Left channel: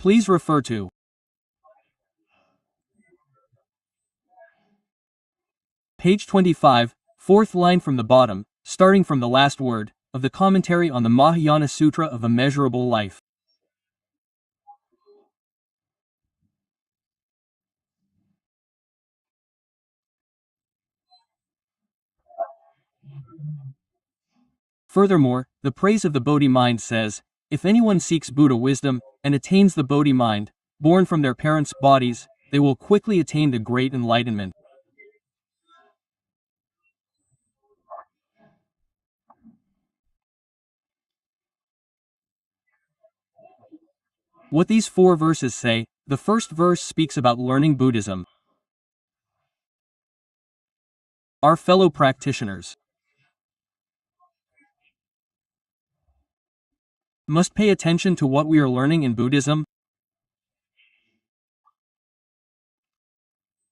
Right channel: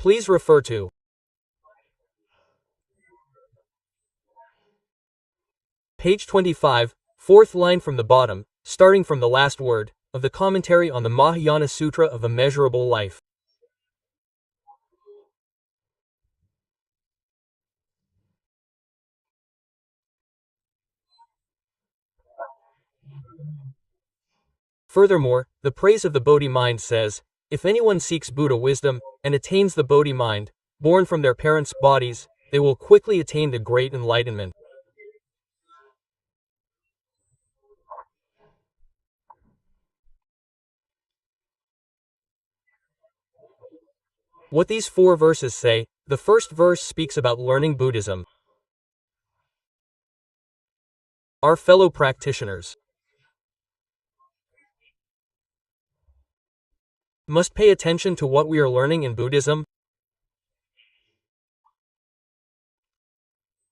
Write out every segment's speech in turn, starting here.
Please refer to page 25, fourth line from the bottom, starting from the last word, of the commentary on the Mahayana Sutra of Immeasurable Life. Furthermore, the praise of the Bodhi mind says, if anyone seeks Buddha wisdom, and attains the Bodhi mind, born from their parents' bodies, they will quickly attain the great enlightenment. What these 4 verses say, the first verse speaks about learning Buddhism. Our fellow practitioners must pay attention to what we are learning in Buddhism.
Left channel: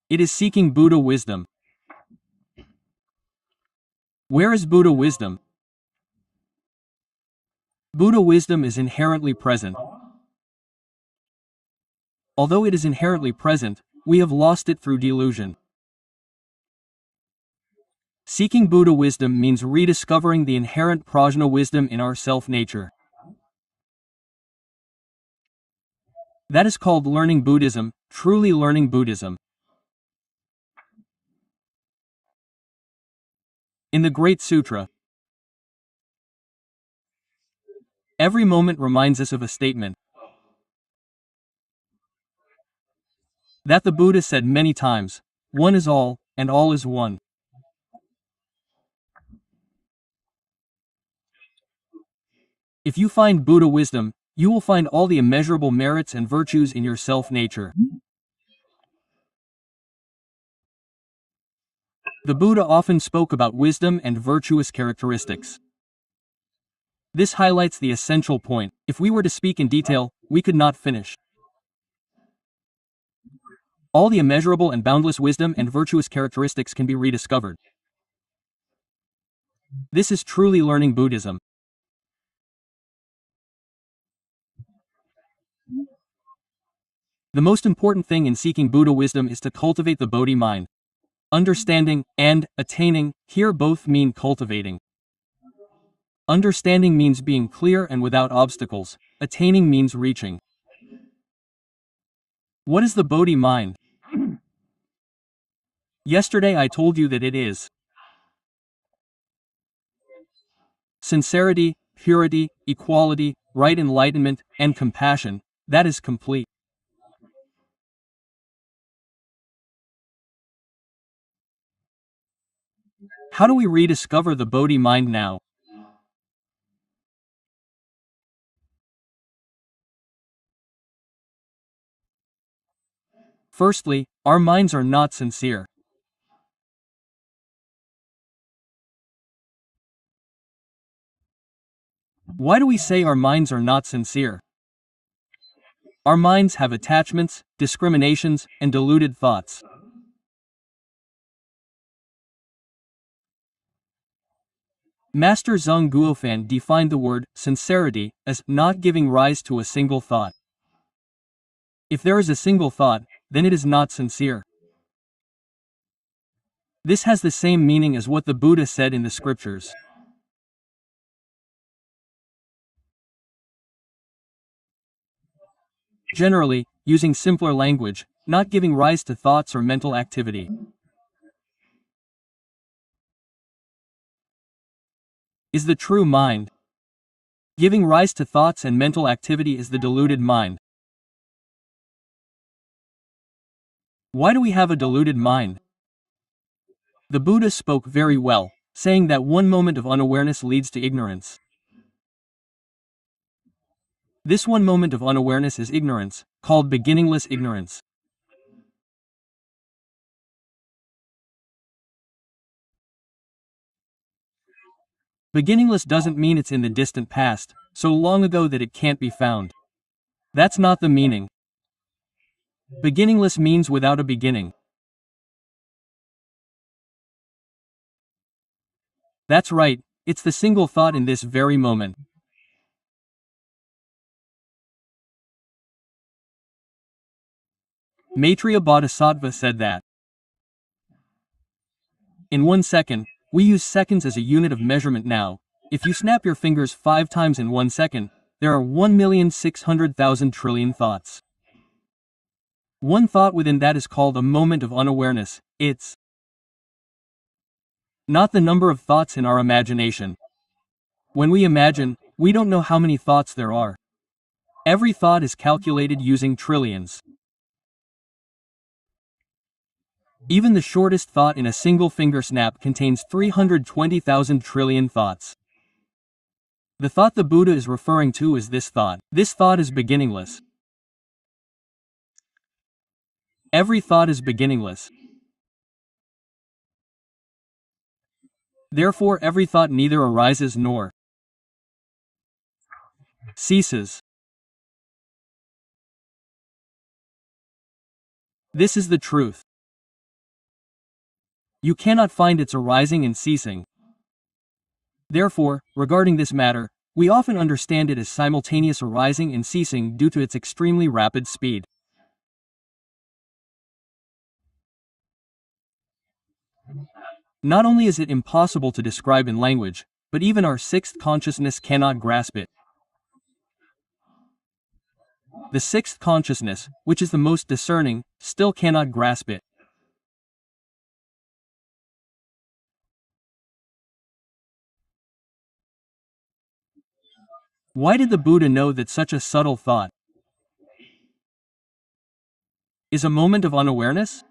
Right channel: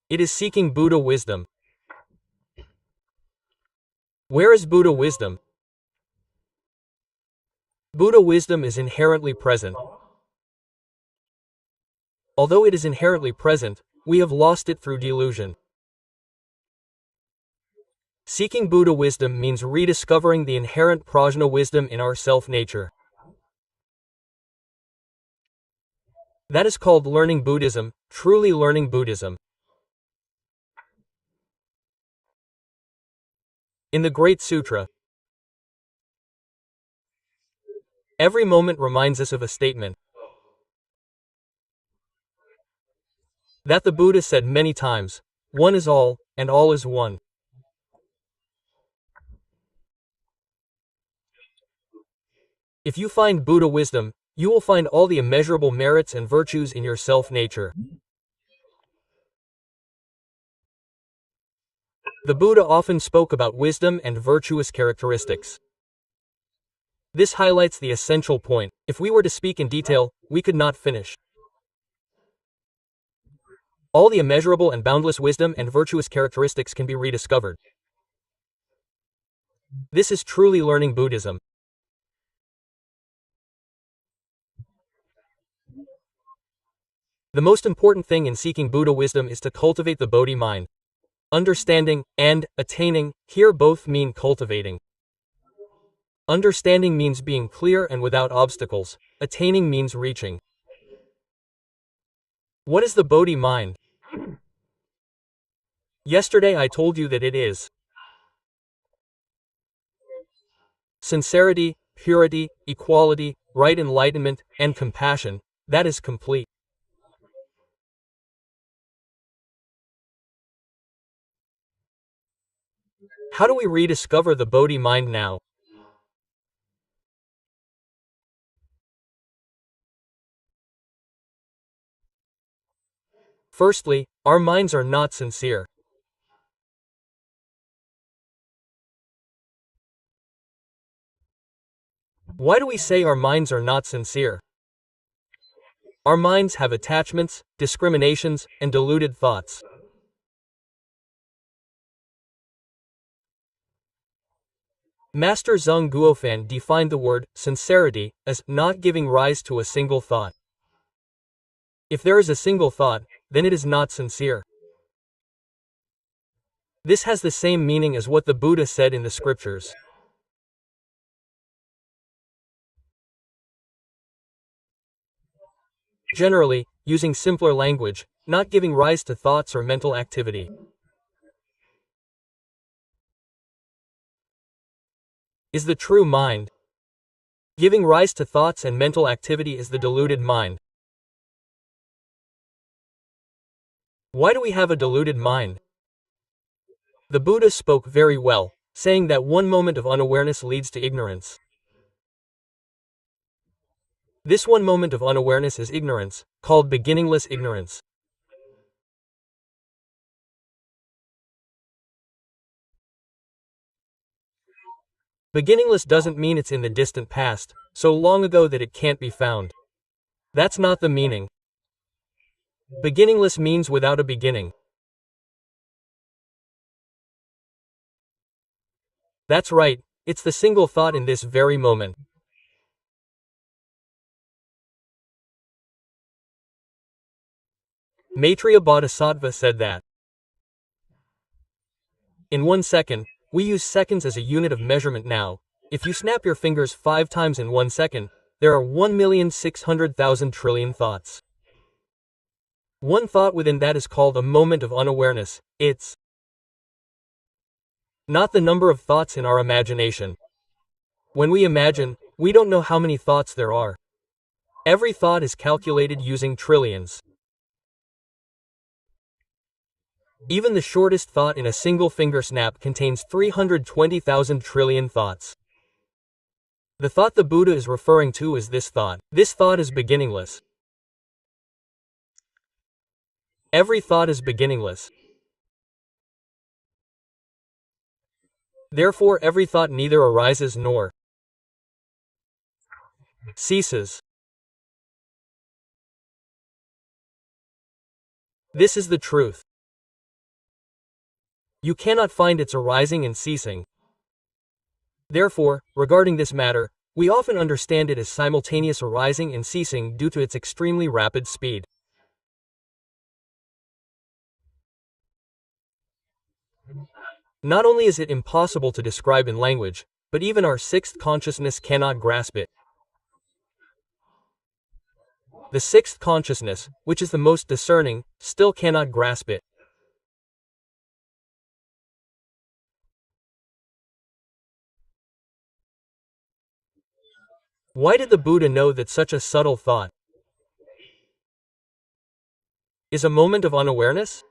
It is seeking Buddha wisdom. Where is Buddha wisdom? Buddha wisdom is inherently present. Although it is inherently present, we have lost it through delusion. Seeking Buddha wisdom means rediscovering the inherent prajna wisdom in our self-nature. That is called learning Buddhism, truly learning Buddhism. In the Great Sutra, every moment reminds us of a statement that the Buddha said many times, one is all, and all is one. If you find Buddha wisdom, you will find all the immeasurable merits and virtues in your self-nature. The Buddha often spoke about wisdom and virtuous characteristics. This highlights the essential point. If we were to speak in detail, we could not finish. All the immeasurable and boundless wisdom and virtuous characteristics can be rediscovered. This is truly learning Buddhism. The most important thing in seeking Buddha wisdom is to cultivate the Bodhi mind. Understanding and attaining here both mean cultivating. Understanding means being clear and without obstacles. Attaining means reaching. What is the Bodhi mind? Yesterday I told you that it is sincerity, purity, equality, right enlightenment, and compassion. That is complete. How do we rediscover the Bodhi mind now? Firstly, our minds are not sincere. Why do we say our minds are not sincere? Our minds have attachments, discriminations, and deluded thoughts. Master Zheng Guofan defined the word sincerity as not giving rise to a single thought. If there is a single thought, then it is not sincere. This has the same meaning as what the Buddha said in the scriptures. Generally, using simpler language, not giving rise to thoughts or mental activity. Is the true mind. Giving rise to thoughts and mental activity is the deluded mind. Why do we have a deluded mind? The Buddha spoke very well, saying that one moment of unawareness leads to ignorance. This one moment of unawareness is ignorance, called beginningless ignorance. Beginningless doesn't mean it's in the distant past, so long ago that it can't be found. That's not the meaning. Beginningless means without a beginning. That's right, it's the single thought in this very moment. Maitreya Bodhisattva said that in 1 second, we use seconds as a unit of measurement now. If you snap your fingers 5 times in 1 second, there are 1,600,000 trillion thoughts. One thought within that is called a moment of unawareness. It's not the number of thoughts in our imagination. When we imagine, we don't know how many thoughts there are. Every thought is calculated using trillions. Even the shortest thought in a single finger snap contains 320,000 trillion thoughts. The thought the Buddha is referring to is this thought. This thought is beginningless. Every thought is beginningless. Therefore, every thought neither arises nor ceases. This is the truth. You cannot find its arising and ceasing. Therefore, regarding this matter, we often understand it as simultaneous arising and ceasing due to its extremely rapid speed. Not only is it impossible to describe in language, but even our sixth consciousness cannot grasp it. The sixth consciousness, which is the most discerning, still cannot grasp it. Why did the Buddha know that such a subtle thought is a moment of unawareness?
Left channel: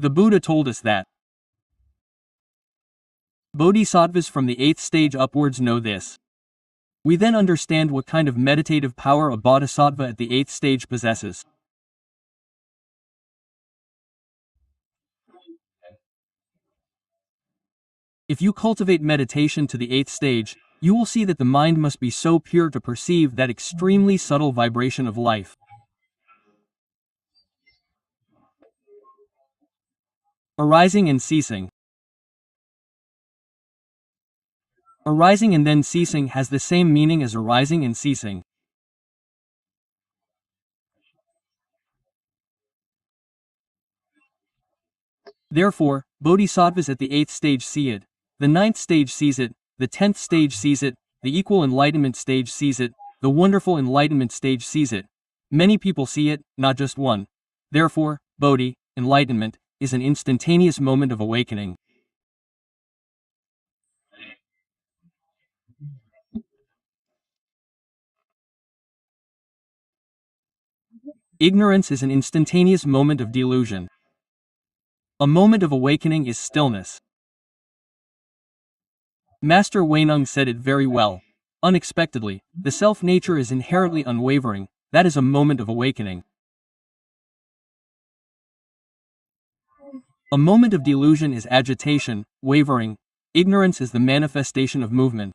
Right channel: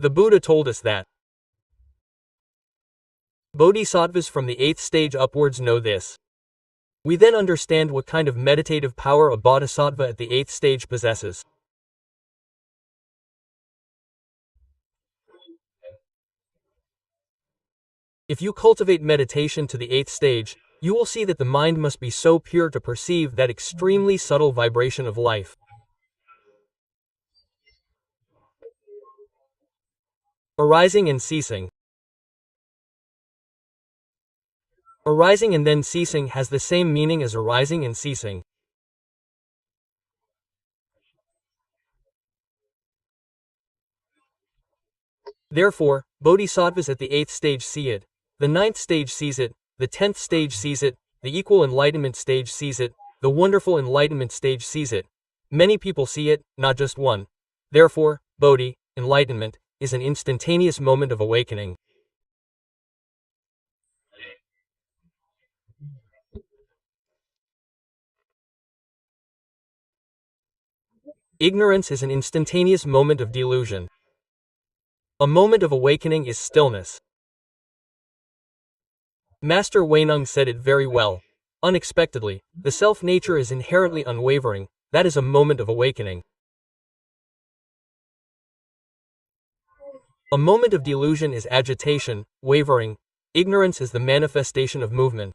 The Buddha told us that bodhisattvas from the 8th stage upwards know this. We then understand what kind of meditative power a bodhisattva at the 8th stage possesses. If you cultivate meditation to the 8th stage, you will see that the mind must be so pure to perceive that extremely subtle vibration of life. Arising and ceasing. Arising and then ceasing has the same meaning as arising and ceasing. Therefore, bodhisattvas at the 8th stage see it, the 9th stage sees it, the 10th stage sees it, the equal enlightenment stage sees it, the wonderful enlightenment stage sees it. Many people see it, not just one. Therefore, bodhi, enlightenment, is an instantaneous moment of awakening. Ignorance is an instantaneous moment of delusion. A moment of awakening is stillness. Master Huineng said it very well. Unexpectedly, the self-nature is inherently unwavering. That is a moment of awakening. A moment of delusion is agitation, wavering. Ignorance is the manifestation of movement.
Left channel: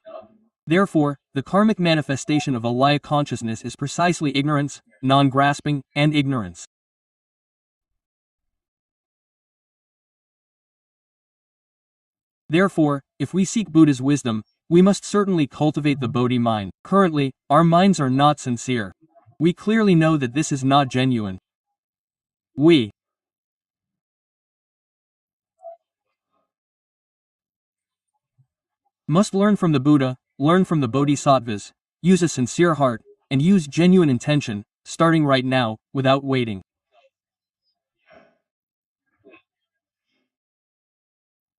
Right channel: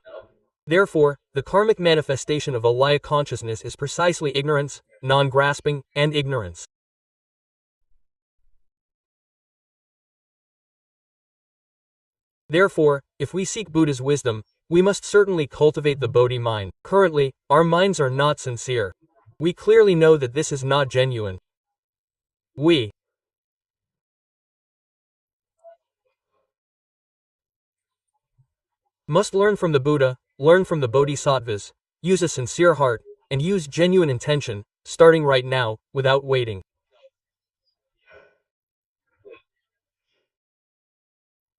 Therefore, the karmic manifestation of alaya consciousness is precisely ignorance, non-grasping, and ignorance. Therefore, if we seek Buddha's wisdom, we must certainly cultivate the Bodhi mind. Currently, our minds are not sincere. We clearly know that this is not genuine. We must learn from the Buddha, learn from the Bodhisattvas, use a sincere heart, and use genuine intention, starting right now, without waiting.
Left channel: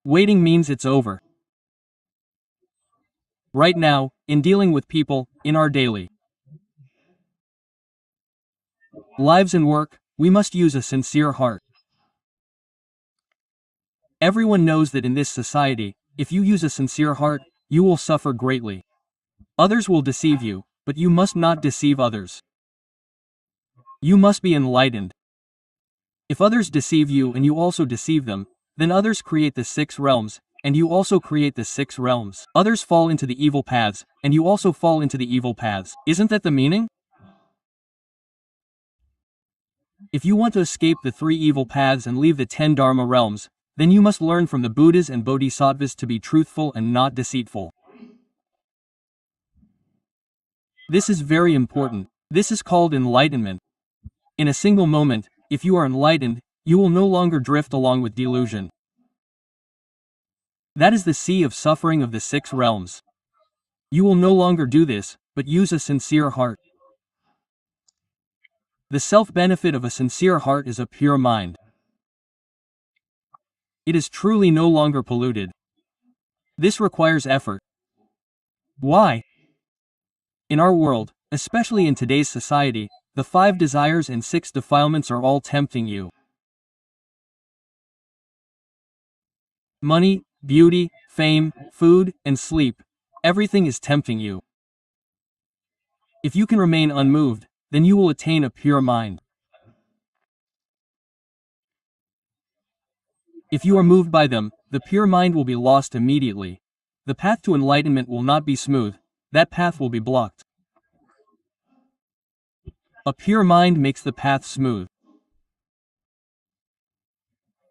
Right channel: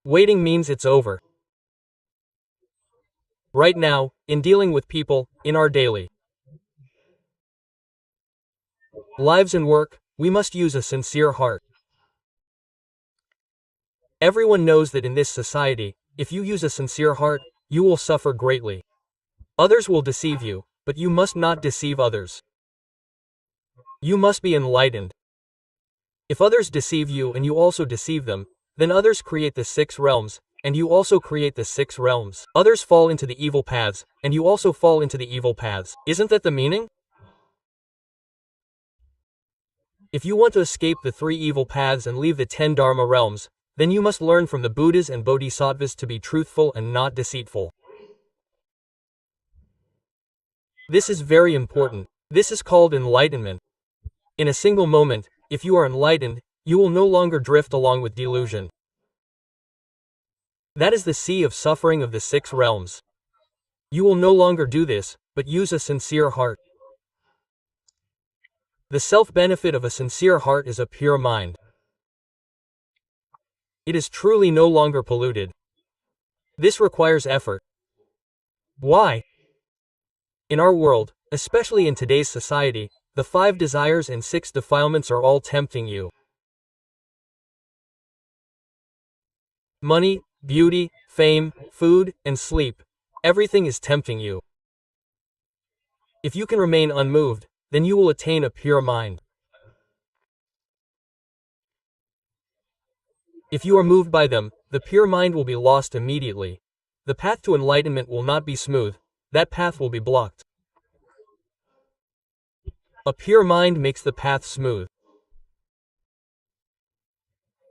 Waiting means it's over. Right now, in dealing with people, in our daily lives and work, we must use a sincere heart. Everyone knows that in this society, if you use a sincere heart, you will suffer greatly. Others will deceive you, but you must not deceive others. You must be enlightened. If others deceive you and you also deceive them, then others create the 6 realms, and you also create the 6 realms. Others fall into the evil paths, and you also fall into the evil paths. Isn't that the meaning? If you want to escape the 3 evil paths and leave the 10 Dharma realms, then you must learn from the Buddhas and Bodhisattvas to be truthful and not deceitful. This is very important. This is called enlightenment. In a single moment, if you are enlightened, you will no longer drift along with delusion. That is the sea of suffering of the 6 realms. You will no longer do this, but use a sincere heart. The self-benefit of a sincere heart is a pure mind. It is truly no longer polluted. This requires effort. Why? In our world, especially in today's society, the 5 desires and 6 defilements are all tempting you. Money, beauty, fame, food, and sleep, everything is tempting you. If you can remain unmoved, then you will attain a pure mind. If you are moved by them, the pure mind will be lost immediately. The path to enlightenment will not be smooth, that path will be blocked. A pure mind makes the path smooth.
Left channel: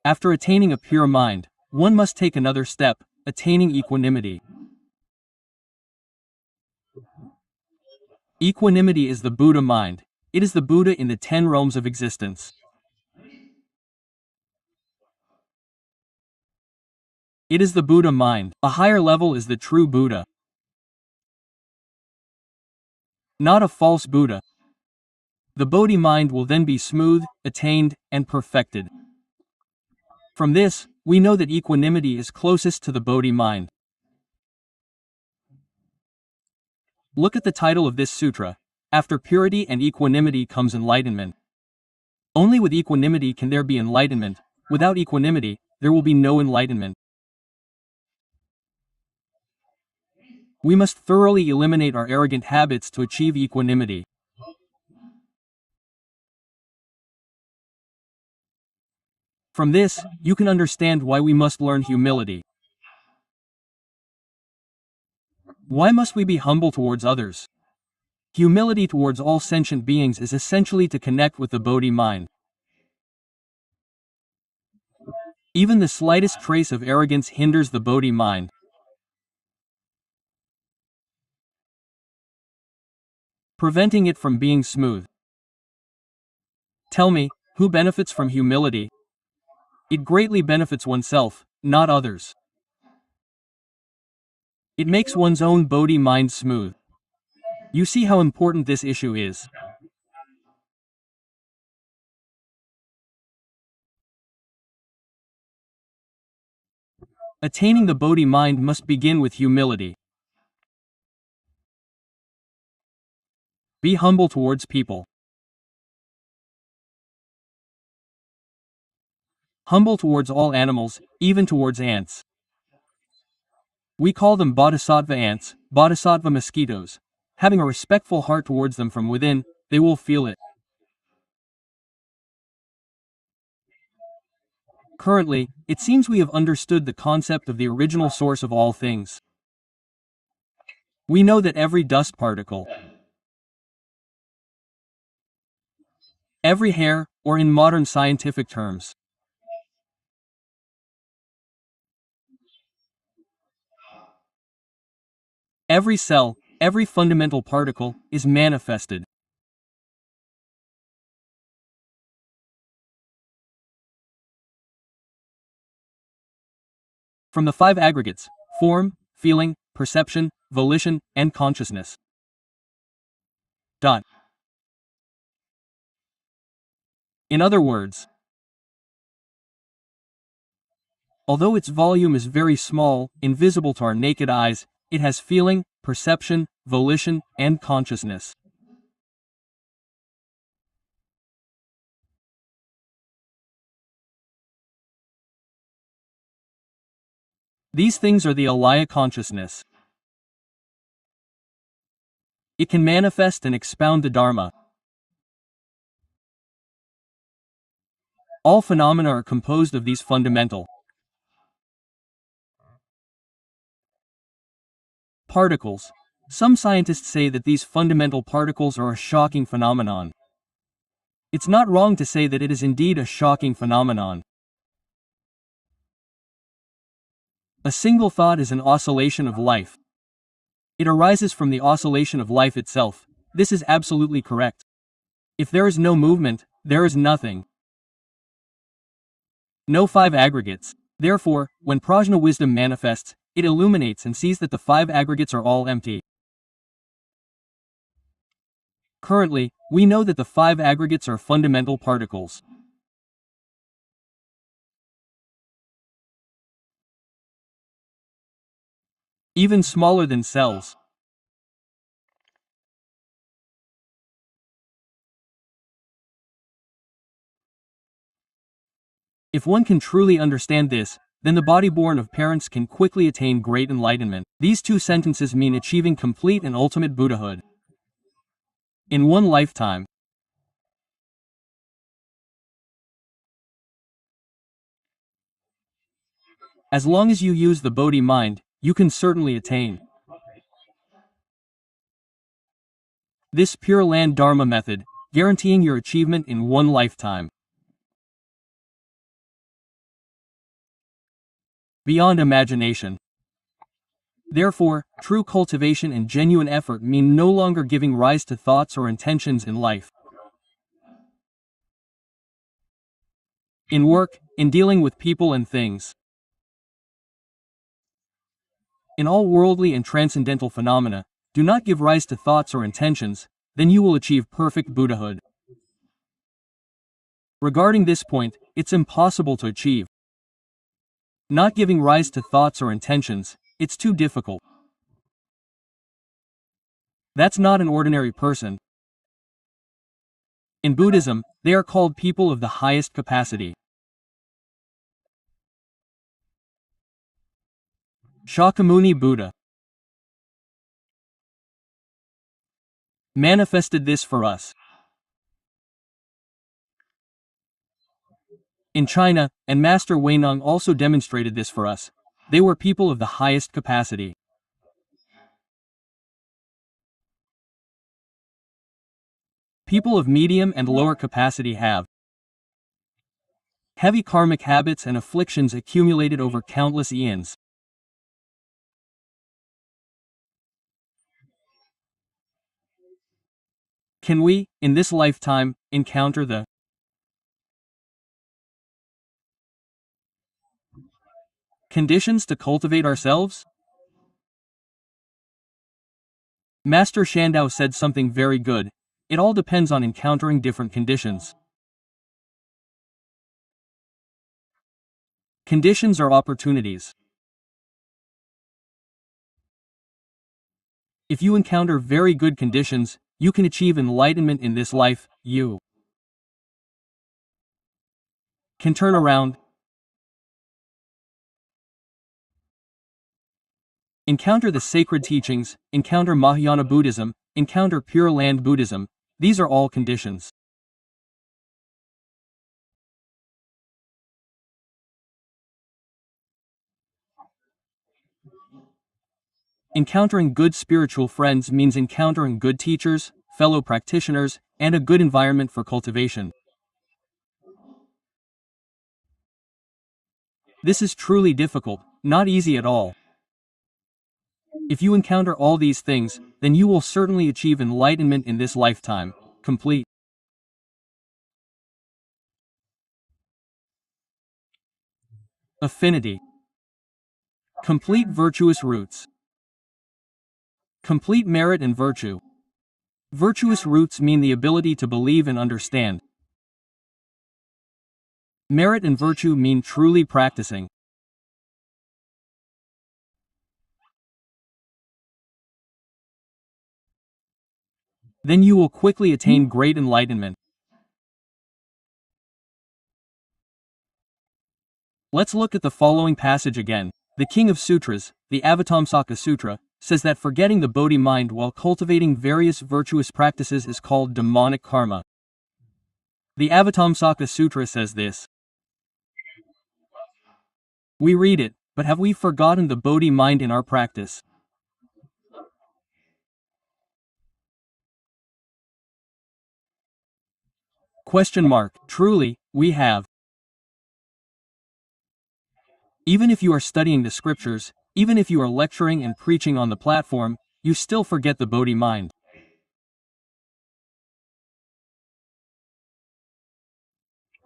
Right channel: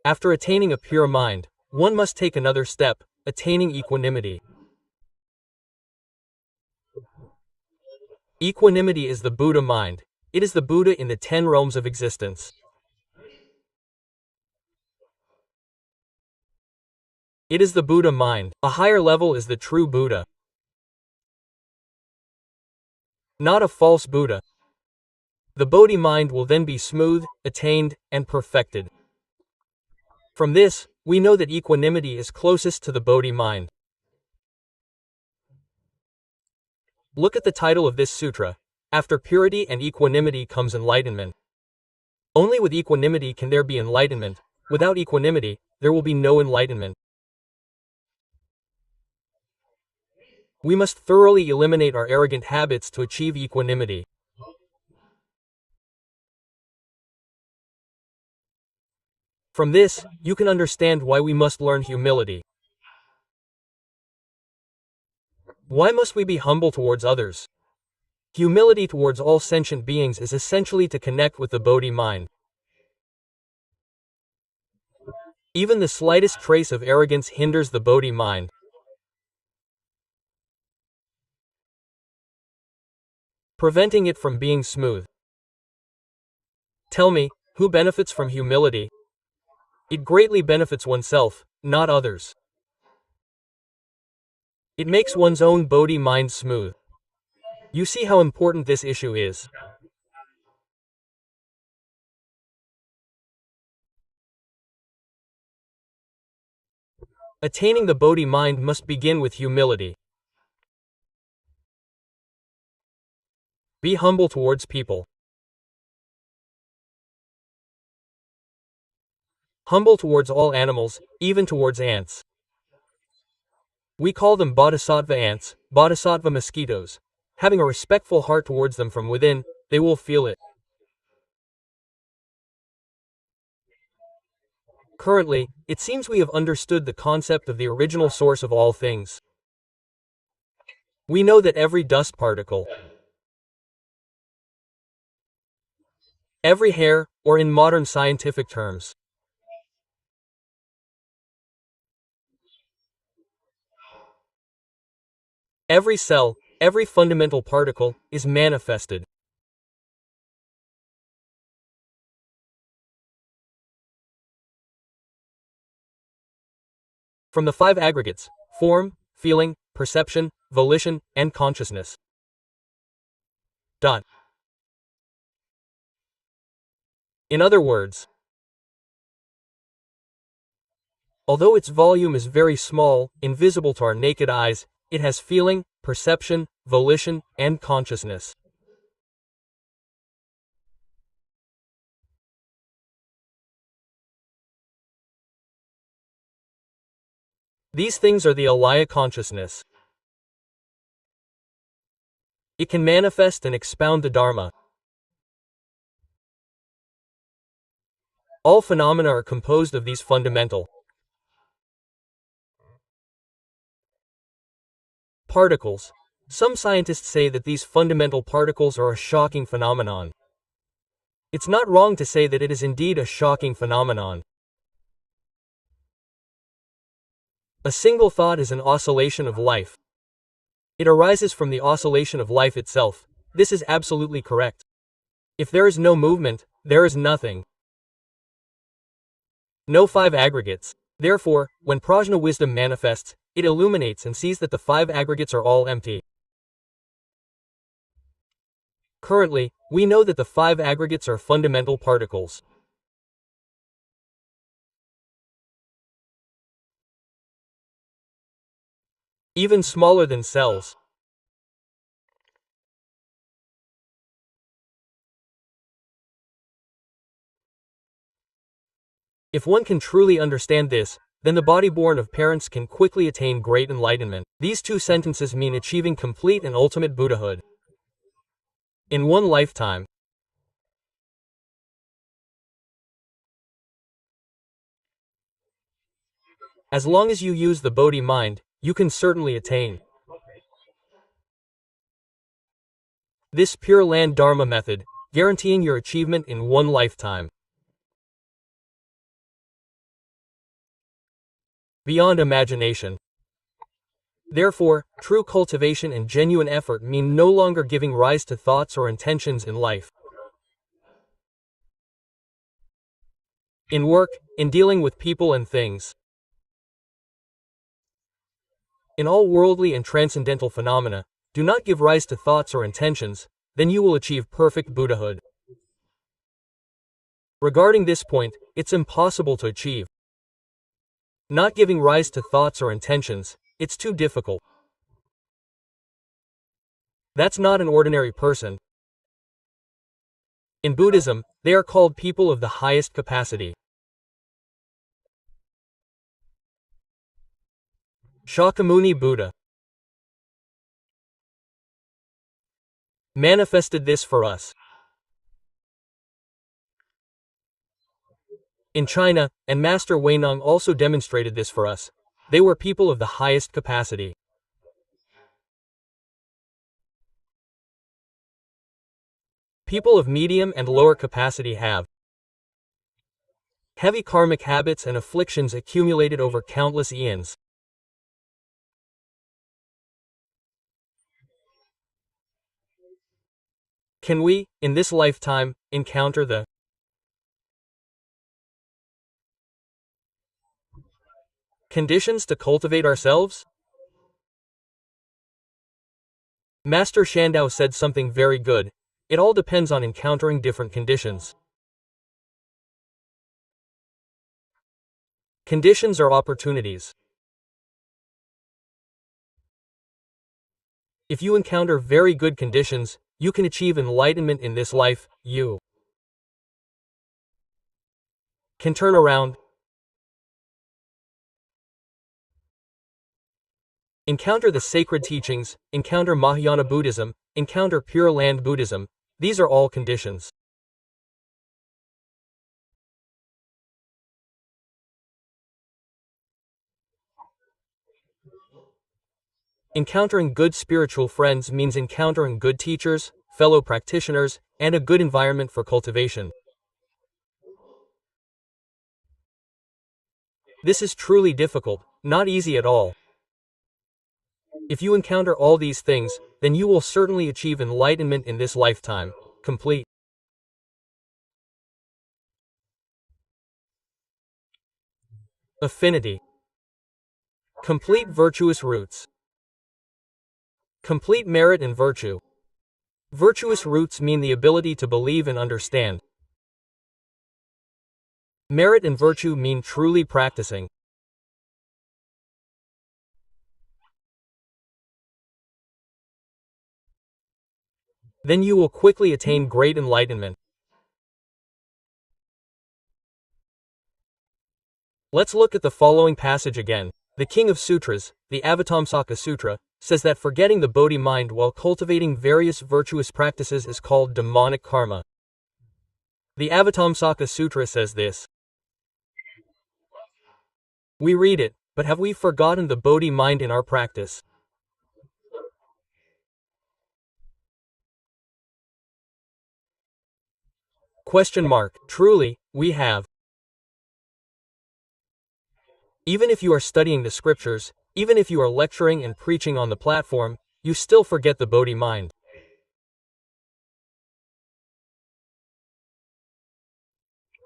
After attaining a pure mind, one must take another step, attaining equanimity. Equanimity is the Buddha mind. It is the Buddha in the 10 realms of existence. It is the Buddha mind. A higher level is the true Buddha. Not a false Buddha. The Bodhi mind will then be smooth, attained, and perfected. From this, we know that equanimity is closest to the Bodhi mind. Look at the title of this sutra. After purity and equanimity comes enlightenment. Only with equanimity can there be enlightenment. Without equanimity, there will be no enlightenment. We must thoroughly eliminate our arrogant habits to achieve equanimity. From this, you can understand why we must learn humility. Why must we be humble towards others? Humility towards all sentient beings is essentially to connect with the Bodhi mind. Even the slightest trace of arrogance hinders the Bodhi mind. Preventing it from being smooth. Tell me, who benefits from humility? It greatly benefits oneself, not others. It makes one's own Bodhi mind smooth. You see how important this issue is. Attaining the Bodhi mind must begin with humility. Be humble towards people. Humble towards all animals, even towards ants. We call them bodhisattva ants, bodhisattva mosquitoes. Having a respectful heart towards them from within, they will feel it. Currently, it seems we have understood the concept of the original source of all things. We know that every dust particle, every hair, or in modern scientific terms, every cell, every fundamental particle, is manifested. From the 5 aggregates: form, feeling, perception, volition, and consciousness. In other words, although its volume is very small, invisible to our naked eyes, it has feeling, perception, volition, and consciousness. These things are the alaya consciousness. It can manifest and expound the Dharma. All phenomena are composed of these fundamental particles. Some scientists say that these fundamental particles are a shocking phenomenon. It's not wrong to say that it is indeed a shocking phenomenon. A single thought is an oscillation of life. It arises from the oscillation of life itself, This is absolutely correct. If there is no movement, there is nothing. No five aggregates. Therefore, when prajna wisdom manifests, it illuminates and sees that the five aggregates are all empty. Currently, we know that the five aggregates are fundamental particles. Even smaller than cells. If one can truly understand this, then the body born of parents can quickly attain great enlightenment. These two sentences mean achieving complete and ultimate Buddhahood in one lifetime. As long as you use the Bodhi mind, you can certainly attain this Pure Land Dharma method, guaranteeing your achievement in one lifetime. Beyond imagination. Therefore, true cultivation and genuine effort mean no longer giving rise to thoughts or intentions in life, in work, in dealing with people and things. In all worldly and transcendental phenomena, do not give rise to thoughts or intentions, then you will achieve perfect Buddhahood. Regarding this point, it's impossible to achieve. Not giving rise to thoughts or intentions, it's too difficult. That's not an ordinary person. In Buddhism, they are called people of the highest capacity. Shakyamuni Buddha manifested this for us. In China, and Master Huineng also demonstrated this for us. They were people of the highest capacity. People of medium and lower capacity have heavy karmic habits and afflictions accumulated over countless eons. Can we, in this lifetime, encounter the conditions to cultivate ourselves? Master Shandao said something very good. It all depends on encountering different conditions. Conditions are opportunities. If you encounter very good conditions, you can achieve enlightenment in this life. You can turn around, encounter the sacred teachings, encounter Mahayana Buddhism, encounter Pure Land Buddhism. These are all conditions. Encountering good spiritual friends means encountering good teachers, fellow practitioners, and a good environment for cultivation. This is truly difficult, not easy at all. If you encounter all these things, then you will certainly achieve enlightenment in this lifetime. Complete affinity, complete virtuous roots, complete merit and virtue. Virtuous roots mean the ability to believe and understand. Merit and virtue mean truly practicing. Then you will quickly attain great enlightenment. Let's look at the following passage again. The King of Sutras, the Avatamsaka Sutra, says that forgetting the Bodhi mind while cultivating various virtuous practices is called demonic karma. The Avatamsaka Sutra says this. We read it, but have we forgotten the Bodhi mind in our practice? Question mark. Truly, we have. Even if you are studying the scriptures, even if you are lecturing and preaching on the platform, you still forget the Bodhi mind.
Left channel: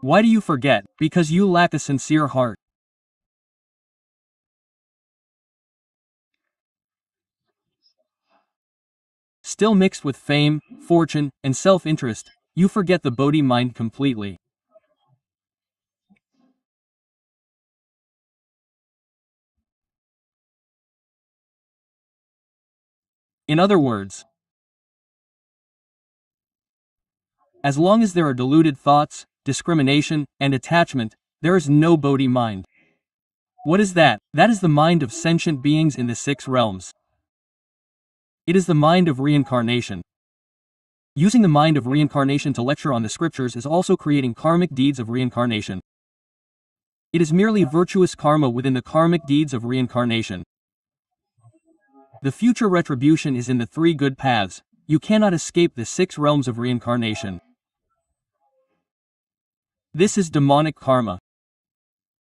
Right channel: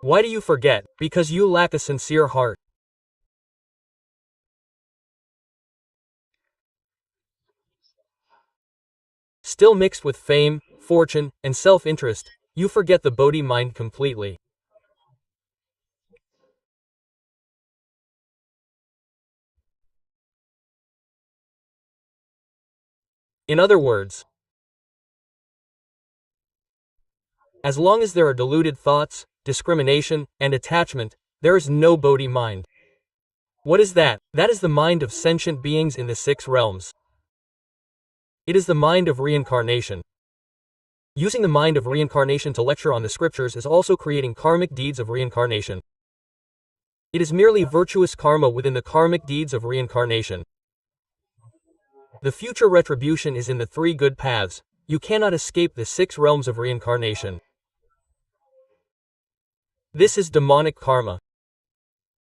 Why do you forget? Because you lack a sincere heart. Still mixed with fame, fortune, and self-interest, you forget the Bodhi mind completely. In other words, as long as there are deluded thoughts, discrimination, and attachment, there is no Bodhi mind. What is that? That is the mind of sentient beings in the 6 realms. It is the mind of reincarnation. Using the mind of reincarnation to lecture on the scriptures is also creating karmic deeds of reincarnation. It is merely virtuous karma within the karmic deeds of reincarnation. The future retribution is in the 3 good paths. You cannot escape the 6 realms of reincarnation. This is demonic karma.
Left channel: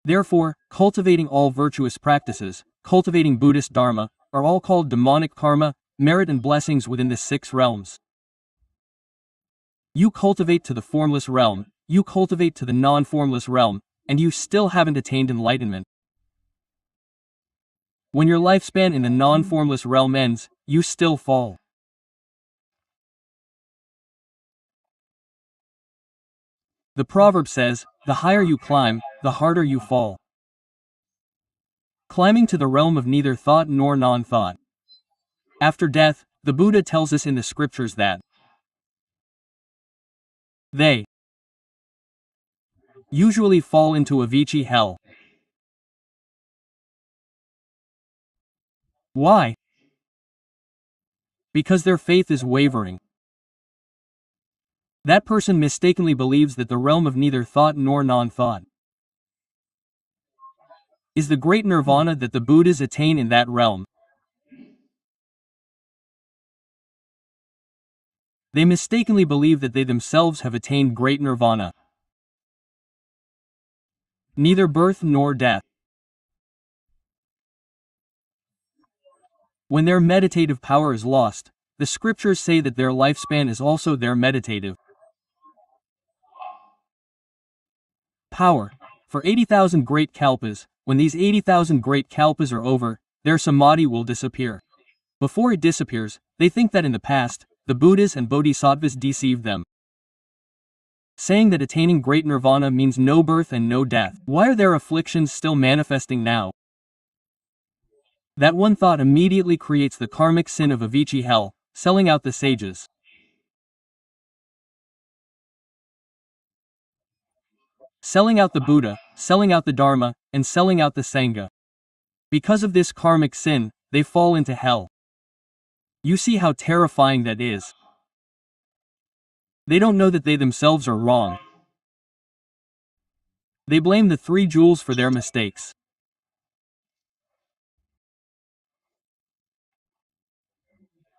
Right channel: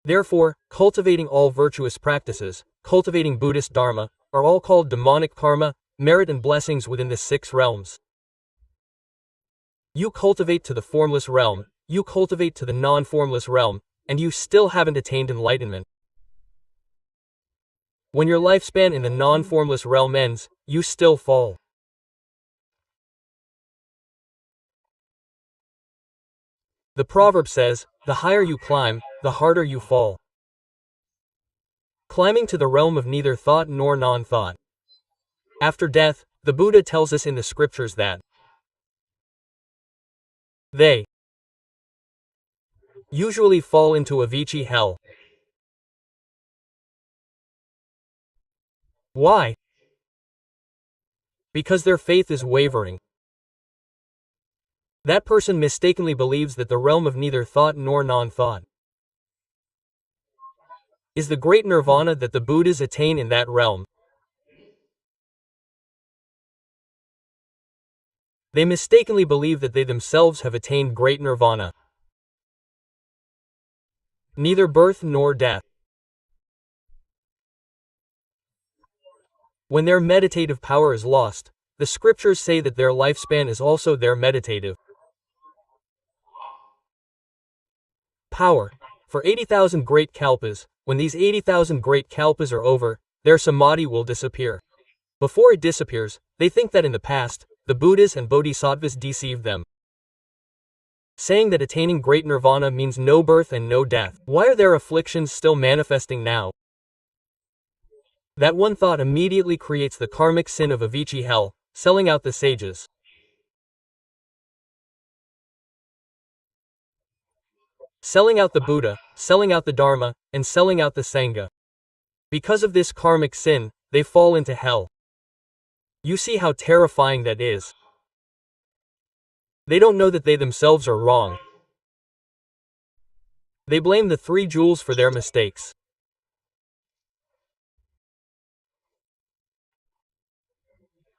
Therefore, cultivating all virtuous practices, cultivating Buddhist dharma, are all called demonic karma, merit and blessings within the 6 realms. You cultivate to the formless realm, you cultivate to the non-formless realm, and you still haven't attained enlightenment. When your lifespan in the non-formless realm ends, you still fall. The proverb says, the higher you climb, the harder you fall. Climbing to the realm of neither thought nor non-thought. After death, the Buddha tells us in the scriptures that they usually fall into Avicii hell. Why? Because their faith is wavering. That person mistakenly believes that the realm of neither thought nor non-thought is the great nirvana that the Buddhas attain in that realm. They mistakenly believe that they themselves have attained great nirvana. Neither birth nor death. When their meditative power is lost, the scriptures say that their lifespan is also their meditative power. For 80,000 great kalpas, when these 80,000 great kalpas are over, their samadhi will disappear. Before it disappears, they think that in the past, the Buddhas and Bodhisattvas deceived them, saying that attaining great nirvana means no birth and no death. Why are their afflictions still manifesting now? That one thought immediately creates the karmic sin of Avicii hell, selling out the sages, selling out the Buddha, selling out the Dharma, and selling out the Sangha. Because of this karmic sin, they fall into hell. You see how terrifying that is. They don't know that they themselves are wrong. They blame the 3 jewels for their mistakes.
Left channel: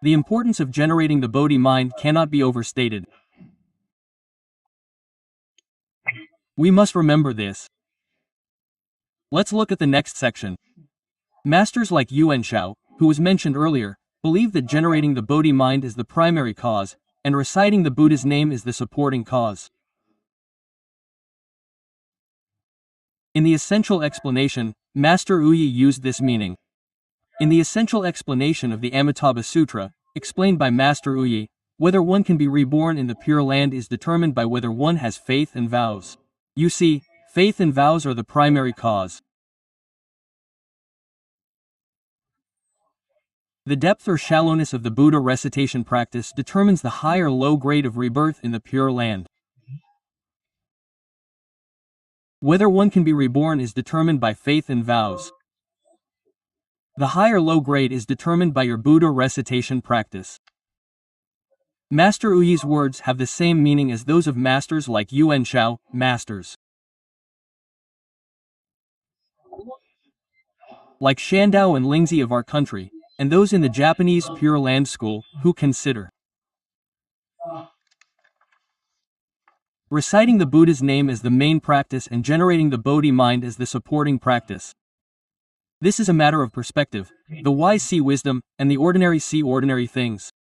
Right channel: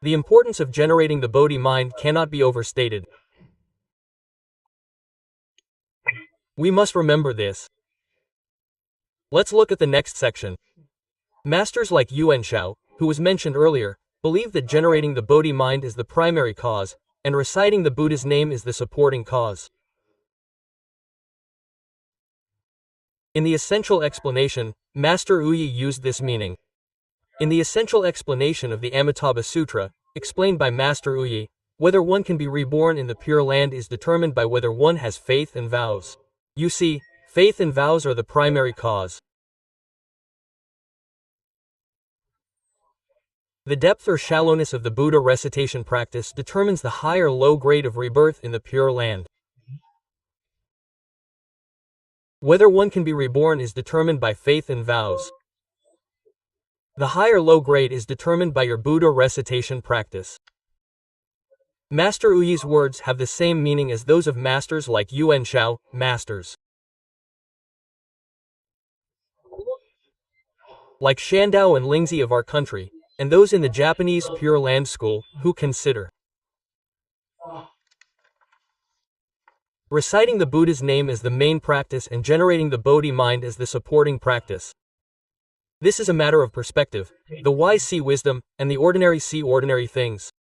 The importance of generating the Bodhi mind cannot be overstated. We must remember this. Let's look at the next section. Masters like Yuan Shao, who was mentioned earlier, believe that generating the Bodhi mind is the primary cause, and reciting the Buddha's name is the supporting cause. In the essential explanation, Master Uyi used this meaning. In the essential explanation of the Amitabha Sutra, explained by Master Uyi, whether one can be reborn in the Pure Land is determined by whether one has faith and vows. You see, faith and vows are the primary cause. The depth or shallowness of the Buddha recitation practice determines the high or low grade of rebirth in the Pure Land. Whether one can be reborn is determined by faith and vows. The high or low grade is determined by your Buddha recitation practice. Master Uyi's words have the same meaning as those of masters like Yuan Shao, masters like Shandao and Lingzi of our country, and those in the Japanese Pure Land School, who consider reciting the Buddha's name as the main practice and generating the Bodhi mind as the supporting practice. This is a matter of perspective. The wise see wisdom, and the ordinary see ordinary things.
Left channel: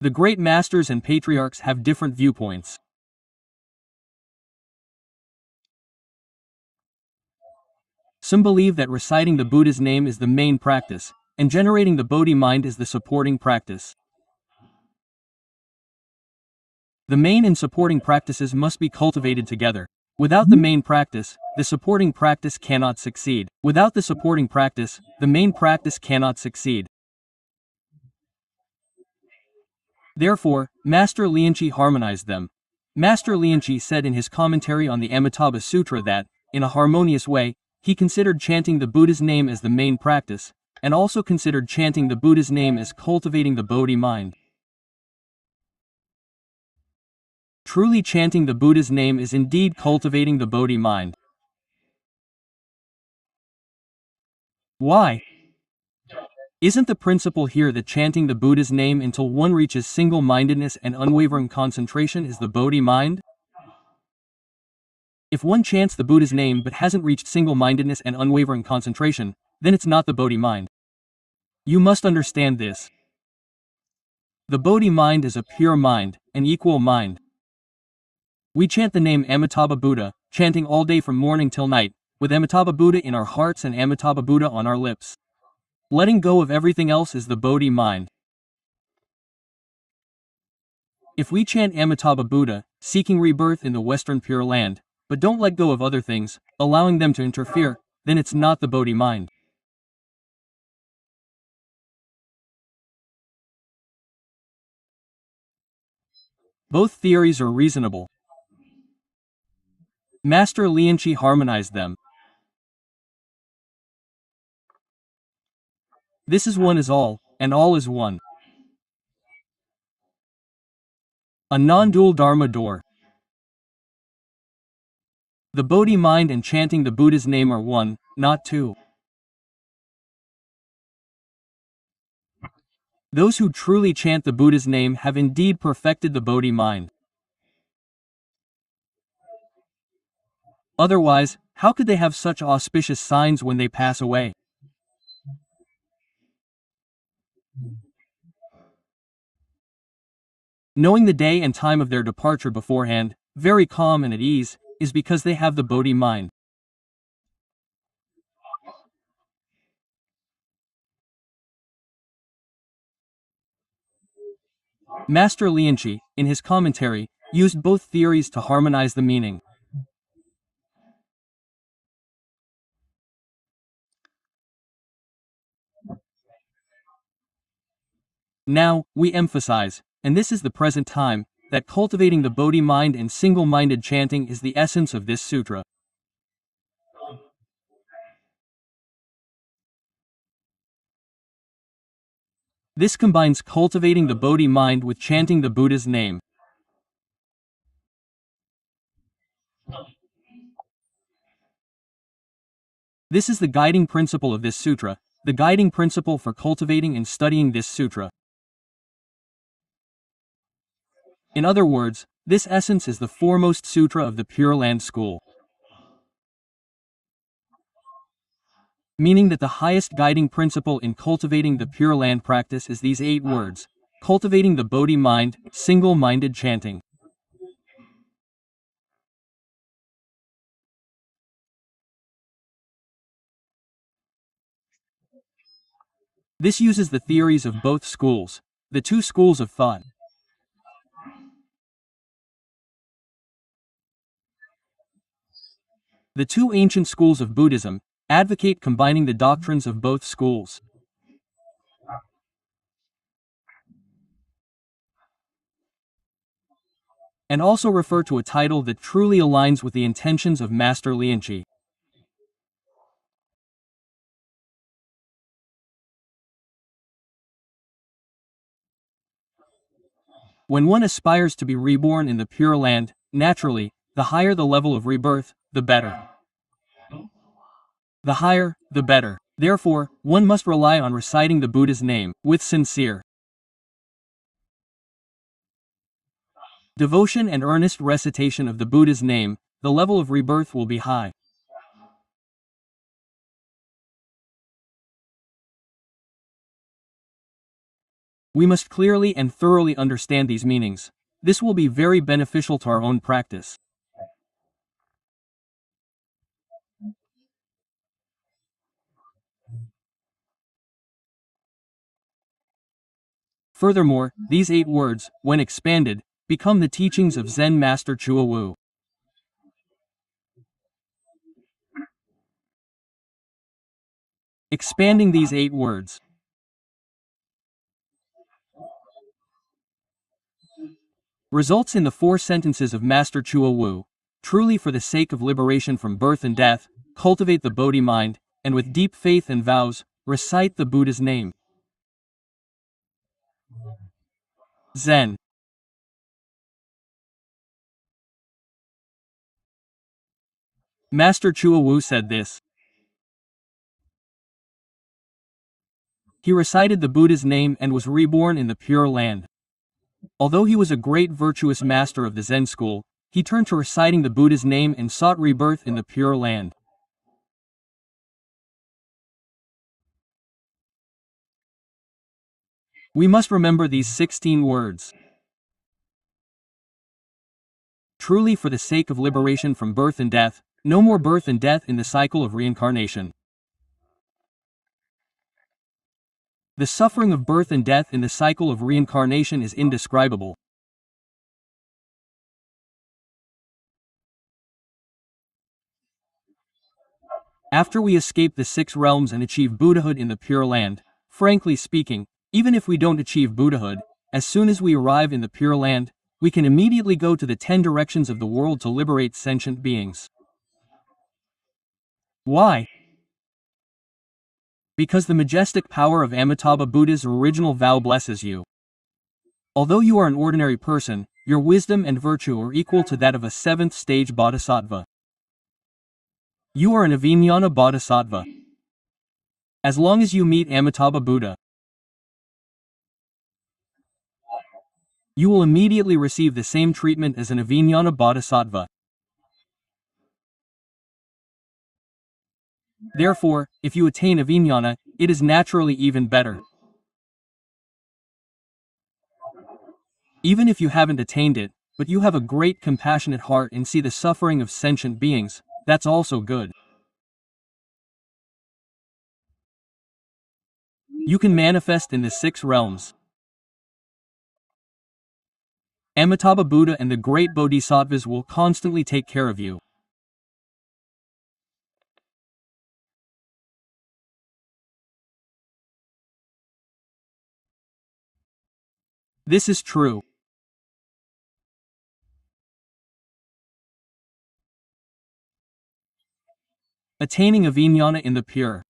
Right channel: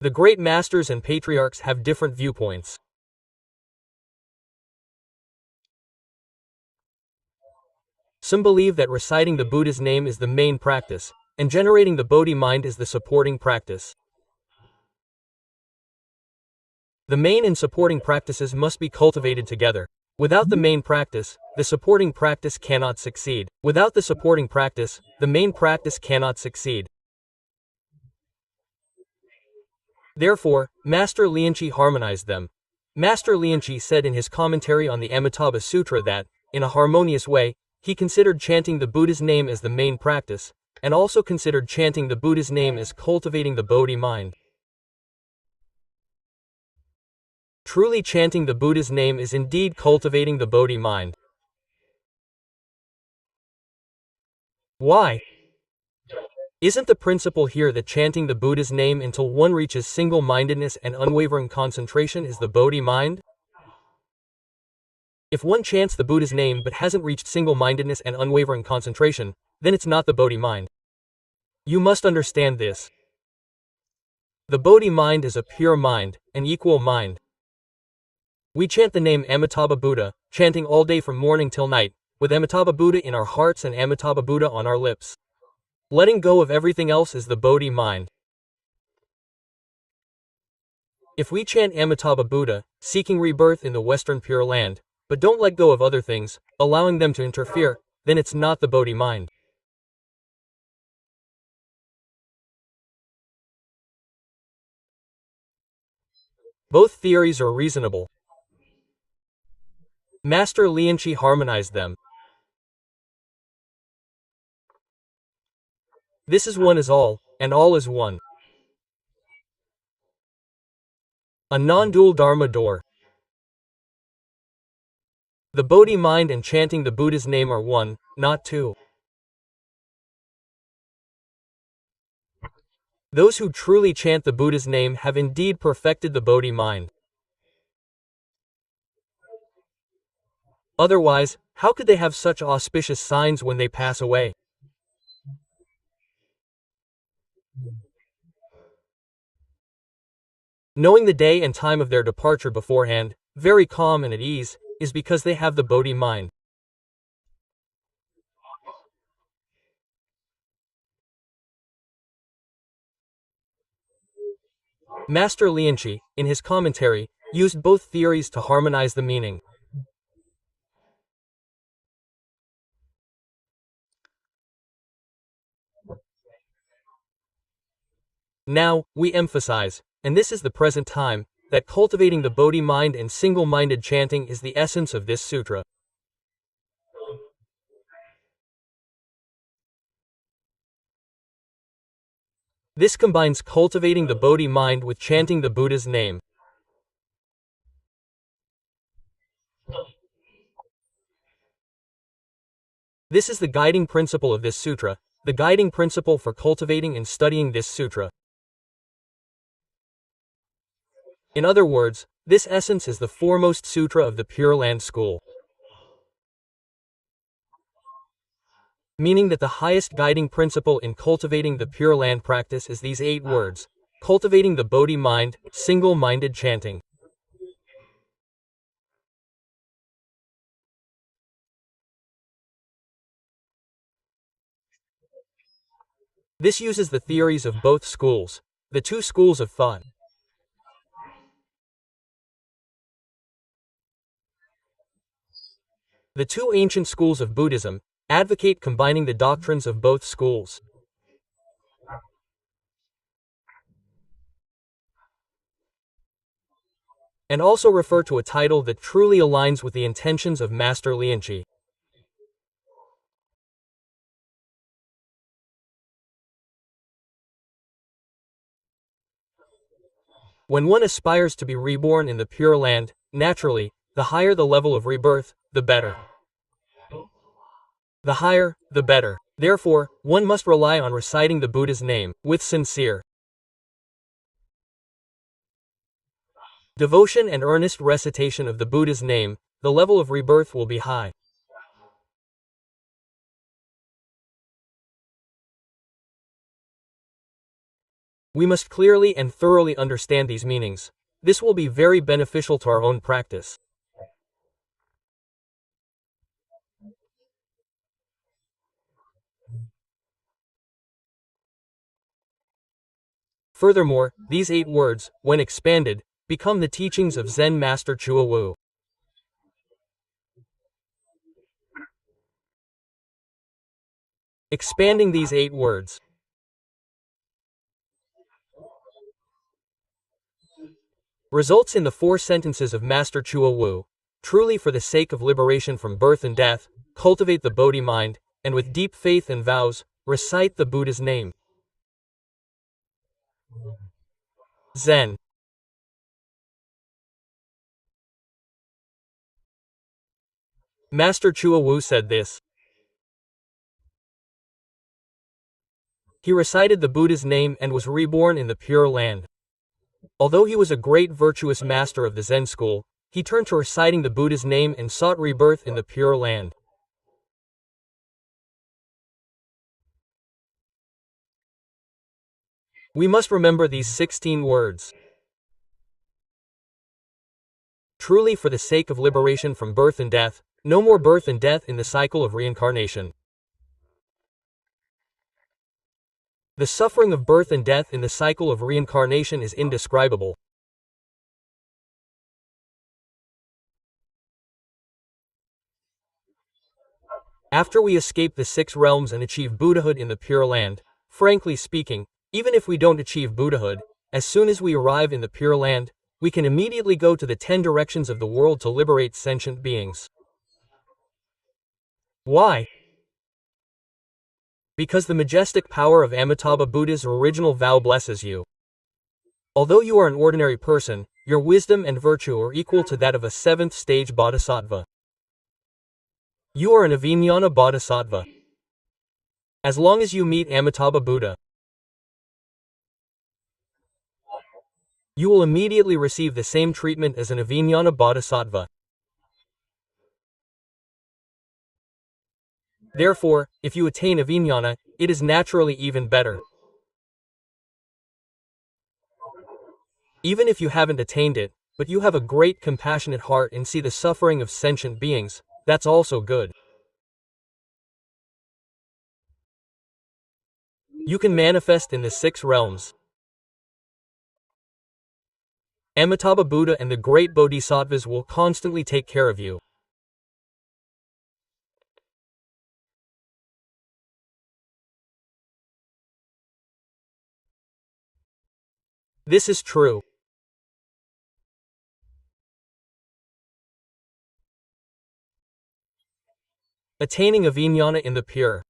The great masters and patriarchs have different viewpoints. Some believe that reciting the Buddha's name is the main practice, and generating the Bodhi mind is the supporting practice. The main and supporting practices must be cultivated together. Without the main practice, the supporting practice cannot succeed. Without the supporting practice, the main practice cannot succeed. Therefore, Master Lianchi harmonized them. Master Lianchi said in his commentary on the Amitabha Sutra that, in a harmonious way, he considered chanting the Buddha's name as the main practice, and also considered chanting the Buddha's name as cultivating the Bodhi mind. Truly chanting the Buddha's name is indeed cultivating the Bodhi mind. Why? Isn't the principle here that chanting the Buddha's name until one reaches single-mindedness and unwavering concentration is the Bodhi mind? If one chants the Buddha's name but hasn't reached single-mindedness and unwavering concentration, then it's not the Bodhi mind. You must understand this. The Bodhi mind is a pure mind, an equal mind. We chant the name Amitabha Buddha, chanting all day from morning till night, with Amitabha Buddha in our hearts and Amitabha Buddha on our lips. Letting go of everything else is the Bodhi mind. If we chant Amitabha Buddha, seeking rebirth in the Western Pure Land, but don't let go of other things, allowing them to interfere, then it's not the Bodhi mind. Both theories are reasonable. Master Lianchi harmonized them. This is one is all, and all is one. A non-dual Dharma door. The Bodhi mind and chanting the Buddha's name are one, not two. Those who truly chant the Buddha's name have indeed perfected the Bodhi mind. Otherwise, how could they have such auspicious signs when they pass away? Knowing the day and time of their departure beforehand, very calm and at ease, is because they have the Bodhi mind. Master Lianchi, in his commentary, used both theories to harmonize the meaning. Now, we emphasize, and this is the present time, that cultivating the Bodhi mind and single-minded chanting is the essence of this sutra. This combines cultivating the Bodhi mind with chanting the Buddha's name. This is the guiding principle of this sutra, the guiding principle for cultivating and studying this sutra. In other words, this essence is the foremost sutra of the Pure Land school. Meaning that the highest guiding principle in cultivating the Pure Land practice is these 8 words, cultivating the Bodhi mind, single-minded chanting. This uses the theories of both schools, the 2 schools of thought. The 2 ancient schools of Buddhism advocate combining the doctrines of both schools. And also refer to a title that truly aligns with the intentions of Master Lianchi. When one aspires to be reborn in the Pure Land, naturally, the higher the level of rebirth, the better. The higher, the better. Therefore, one must rely on reciting the Buddha's name, with sincere devotion and earnest recitation of the Buddha's name, the level of rebirth will be high. We must clearly and thoroughly understand these meanings. This will be very beneficial to our own practice. Furthermore, these 8 words, when expanded, become the teachings of Zen Master Chua Wu. Expanding these 8 words results in the 4 sentences of Master Chua Wu. Truly, for the sake of liberation from birth and death, cultivate the Bodhi mind, and with deep faith and vows, recite the Buddha's name. Zen. Master Chua Wu said this. He recited the Buddha's name and was reborn in the Pure Land. Although he was a great virtuous master of the Zen school, he turned to reciting the Buddha's name and sought rebirth in the Pure Land. We must remember these 16 words. Truly, for the sake of liberation from birth and death, no more birth and death in the cycle of reincarnation. The suffering of birth and death in the cycle of reincarnation is indescribable. After we escape the 6 realms and achieve Buddhahood in the Pure Land, frankly speaking, even if we don't achieve Buddhahood, as soon as we arrive in the Pure Land, we can immediately go to the 10 directions of the world to liberate sentient beings. Why? Because the majestic power of Amitabha Buddha's original vow blesses you. Although you are an ordinary person, your wisdom and virtue are equal to that of a 7th stage bodhisattva. You are an Avijnana bodhisattva. As long as you meet Amitabha Buddha, you will immediately receive the same treatment as an Avijnana bodhisattva. Therefore, if you attain Avijnana, it is naturally even better. Even if you haven't attained it, but you have a great compassionate heart and see the suffering of sentient beings, that's also good. You can manifest in the 6 realms. Amitabha Buddha and the great bodhisattvas will constantly take care of you. This is true. Attaining Avijnana in the Pure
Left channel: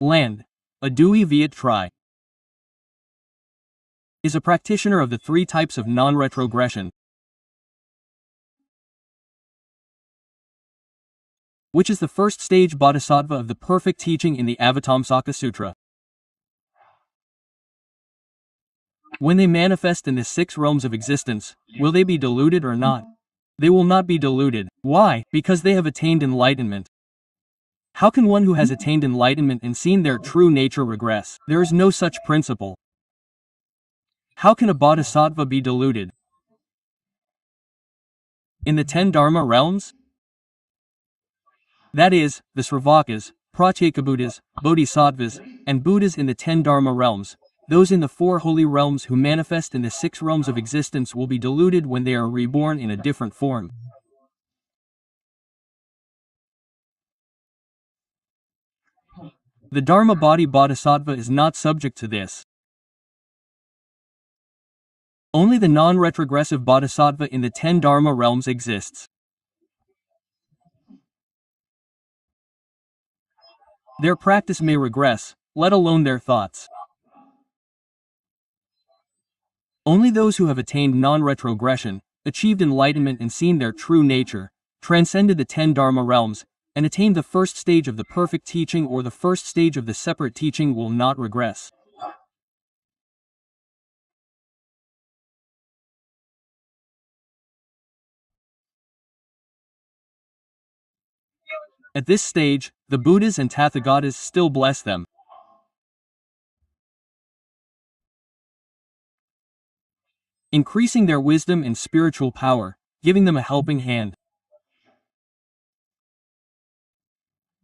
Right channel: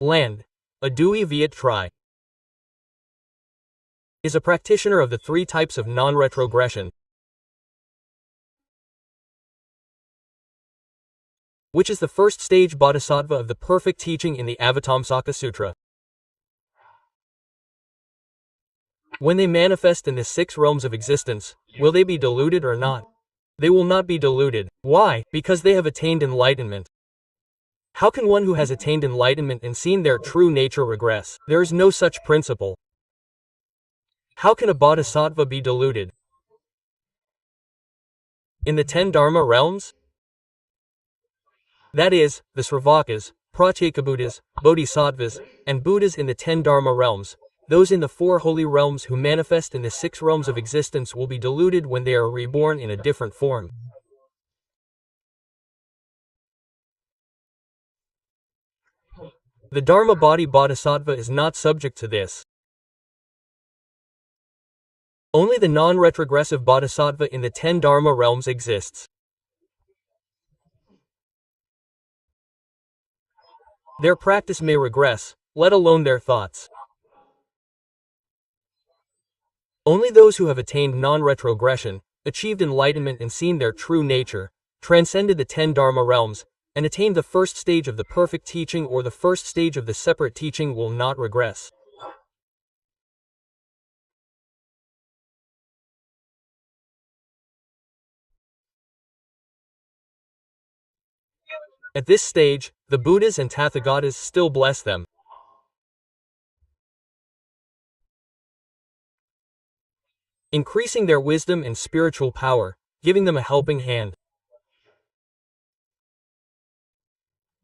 Land, Adui Viet Tri, is a practitioner of the 3 types of non-retrogression, which is the 1st stage bodhisattva of the perfect teaching in the Avatamsaka Sutra. When they manifest in the 6 realms of existence, will they be deluded or not? They will not be deluded. Why? Because they have attained enlightenment. How can one who has attained enlightenment and seen their true nature regress? There is no such principle. How can a bodhisattva be deluded? In the 10 Dharma realms? That is, the Sravakas, Pratyekabuddhas, Bodhisattvas, and Buddhas in the 10 Dharma realms, those in the 4 holy realms who manifest in the 6 realms of existence will be deluded when they are reborn in a different form. The Dharma body bodhisattva is not subject to this. Only the non-retrogressive bodhisattva in the 10 Dharma realms exists. Their practice may regress, let alone their thoughts. Only those who have attained non-retrogression, achieved enlightenment and seen their true nature, transcended the 10 Dharma realms, and attained the 1st stage of the perfect teaching or the 1st stage of the separate teaching will not regress. At this stage, the Buddhas and Tathagatas still bless them, increasing their wisdom and spiritual power, giving them a helping hand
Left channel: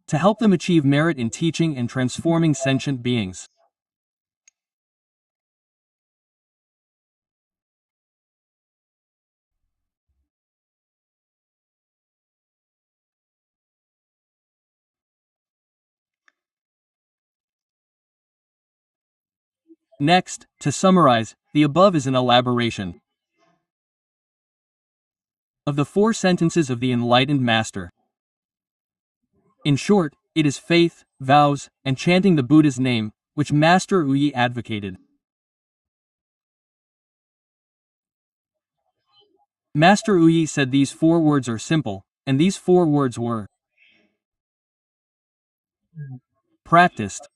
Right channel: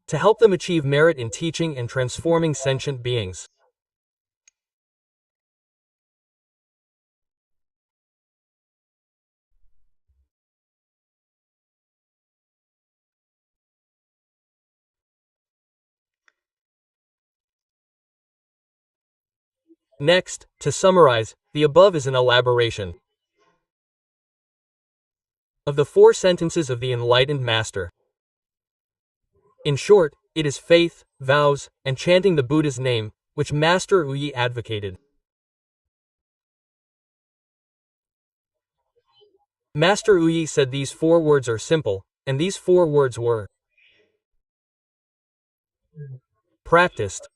to help them achieve merit in teaching and transforming sentient beings. Next, to summarize, the above is an elaboration of the 4 sentences of the enlightened master. In short, it is faith, vows, and chanting the Buddha's name, which Master Uyi advocated. Master Uyi said these 4 words are simple, and these 4 words were practiced.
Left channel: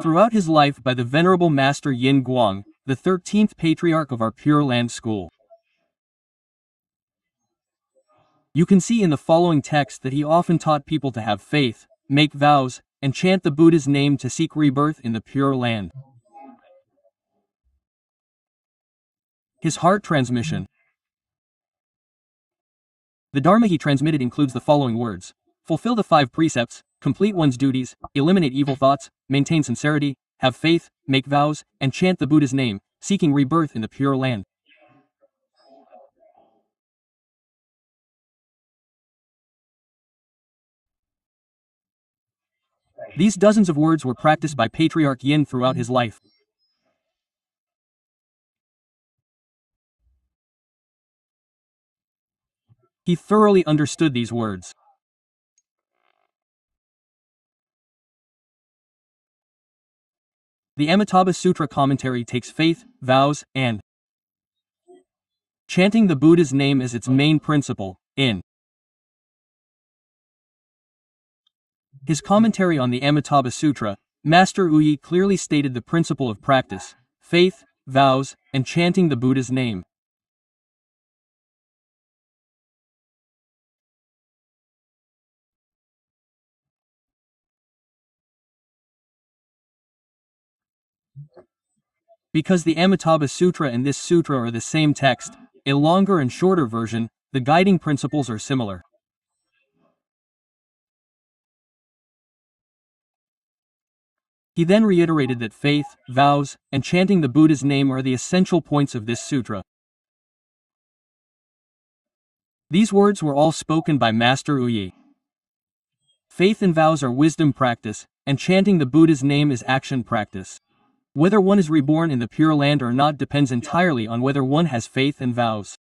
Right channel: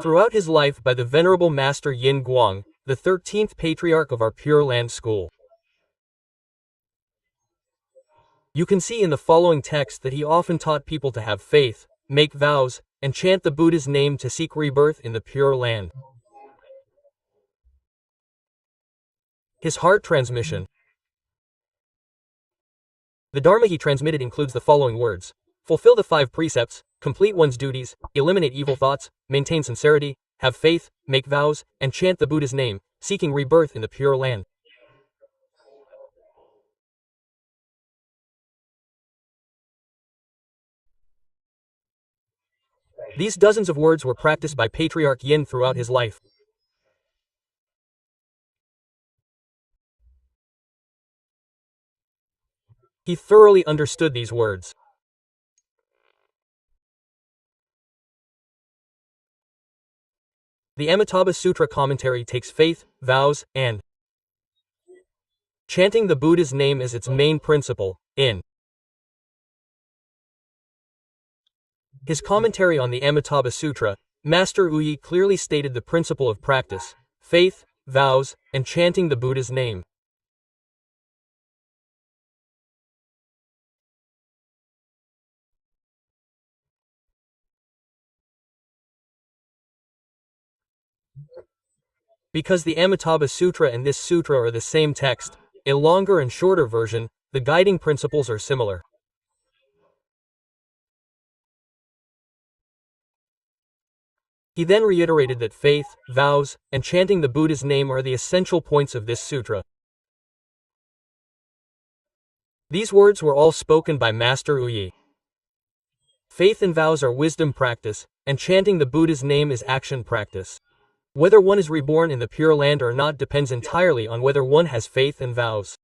Throughout his life by the Venerable Master Yin Guang, the 13th patriarch of our Pure Land school. You can see in the following text that he often taught people to have faith, make vows, and chant the Buddha's name to seek rebirth in the Pure Land. His heart transmission. The Dharma he transmitted includes the following words: fulfill the 5 precepts, complete one's duties, eliminate evil thoughts, maintain sincerity, have faith, make vows, and chant the Buddha's name, seeking rebirth in the Pure Land. These dozens of words were practiced by Patriarch Yin throughout his life. He thoroughly understood these words. The Amitabha Sutra commentary takes faith, vows, and chanting the Buddha's name as its main principle. In his commentary on the Amitabha Sutra, Master Uyi clearly stated the principle of practice: faith, vows, and chanting the Buddha's name. Because the Amitabha Sutra and this sutra are the same text, a longer and shorter version, the guiding principles are similar. He then reiterated that faith, vows, and chanting the Buddha's name are the essential points of this sutra. These words were all spoken by Master Uyi. Faith and vows are wisdom practice, and chanting the Buddha's name is action practice. Whether one is reborn in the Pure Land or not depends entirely on whether one has faith and vows.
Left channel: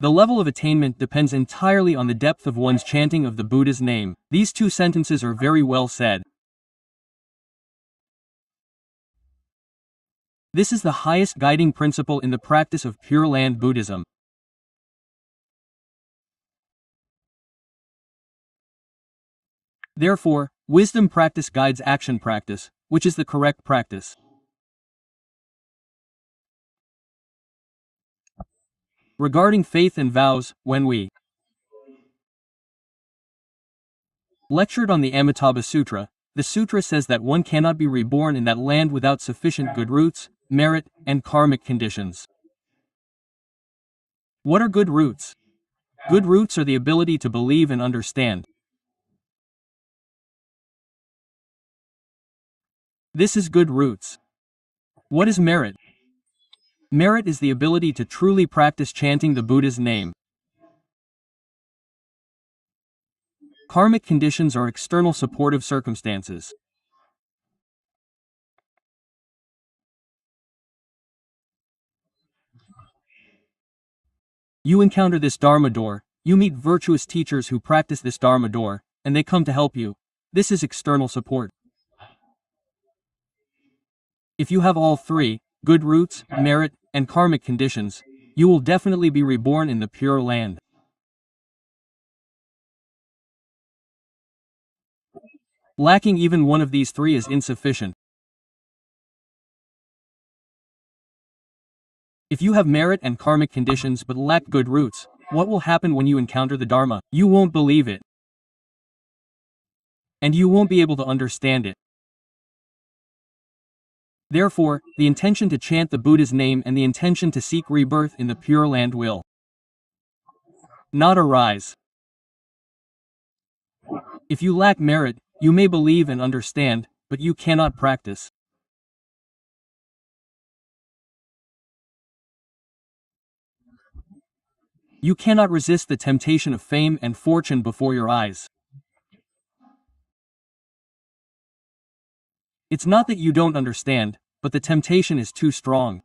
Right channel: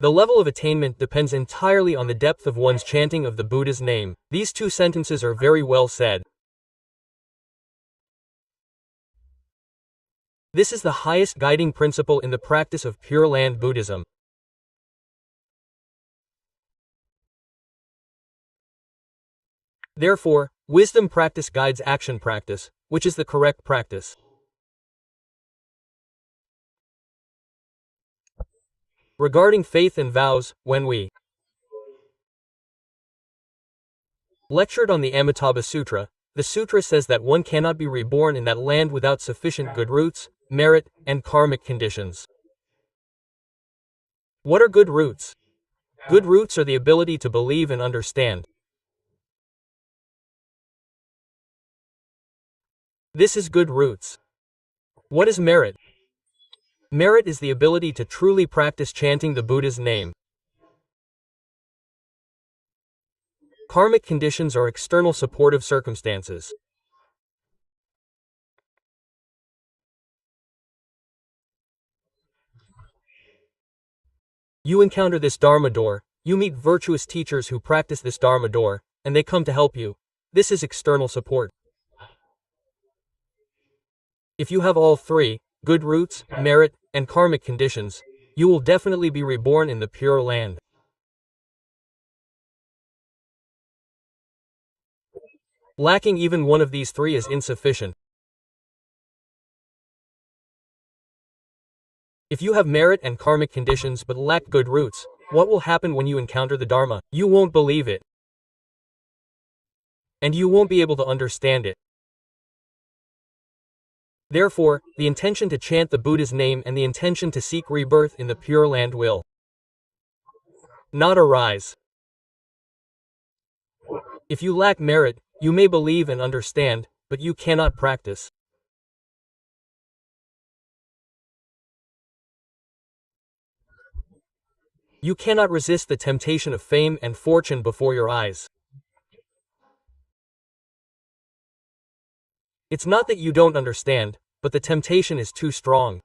The level of attainment depends entirely on the depth of one's chanting of the Buddha's name. These 2 sentences are very well said. This is the highest guiding principle in the practice of Pure Land Buddhism. Therefore, wisdom practice guides action practice, which is the correct practice. Regarding faith and vows, when we lectured on the Amitabha Sutra, the sutra says that one cannot be reborn in that land without sufficient good roots, merit, and karmic conditions. What are good roots? Good roots are the ability to believe and understand. This is good roots. What is merit? Merit is the ability to truly practice chanting the Buddha's name. Karmic conditions are external supportive circumstances. You encounter this Dharma door, you meet virtuous teachers who practice this Dharma door, and they come to help you. This is external support. If you have all 3, good roots, merit, and karmic conditions, you will definitely be reborn in the Pure Land. Lacking even one of these 3 is insufficient. If you have merit and karmic conditions but lack good roots, what will happen when you encounter the Dharma? You won't believe it. And you won't be able to understand it. Therefore, the intention to chant the Buddha's name and the intention to seek rebirth in the Pure Land will not arise. If you lack merit, you may believe and understand, but you cannot practice. You cannot resist the temptation of fame and fortune before your eyes. It's not that you don't understand, but the temptation is too strong.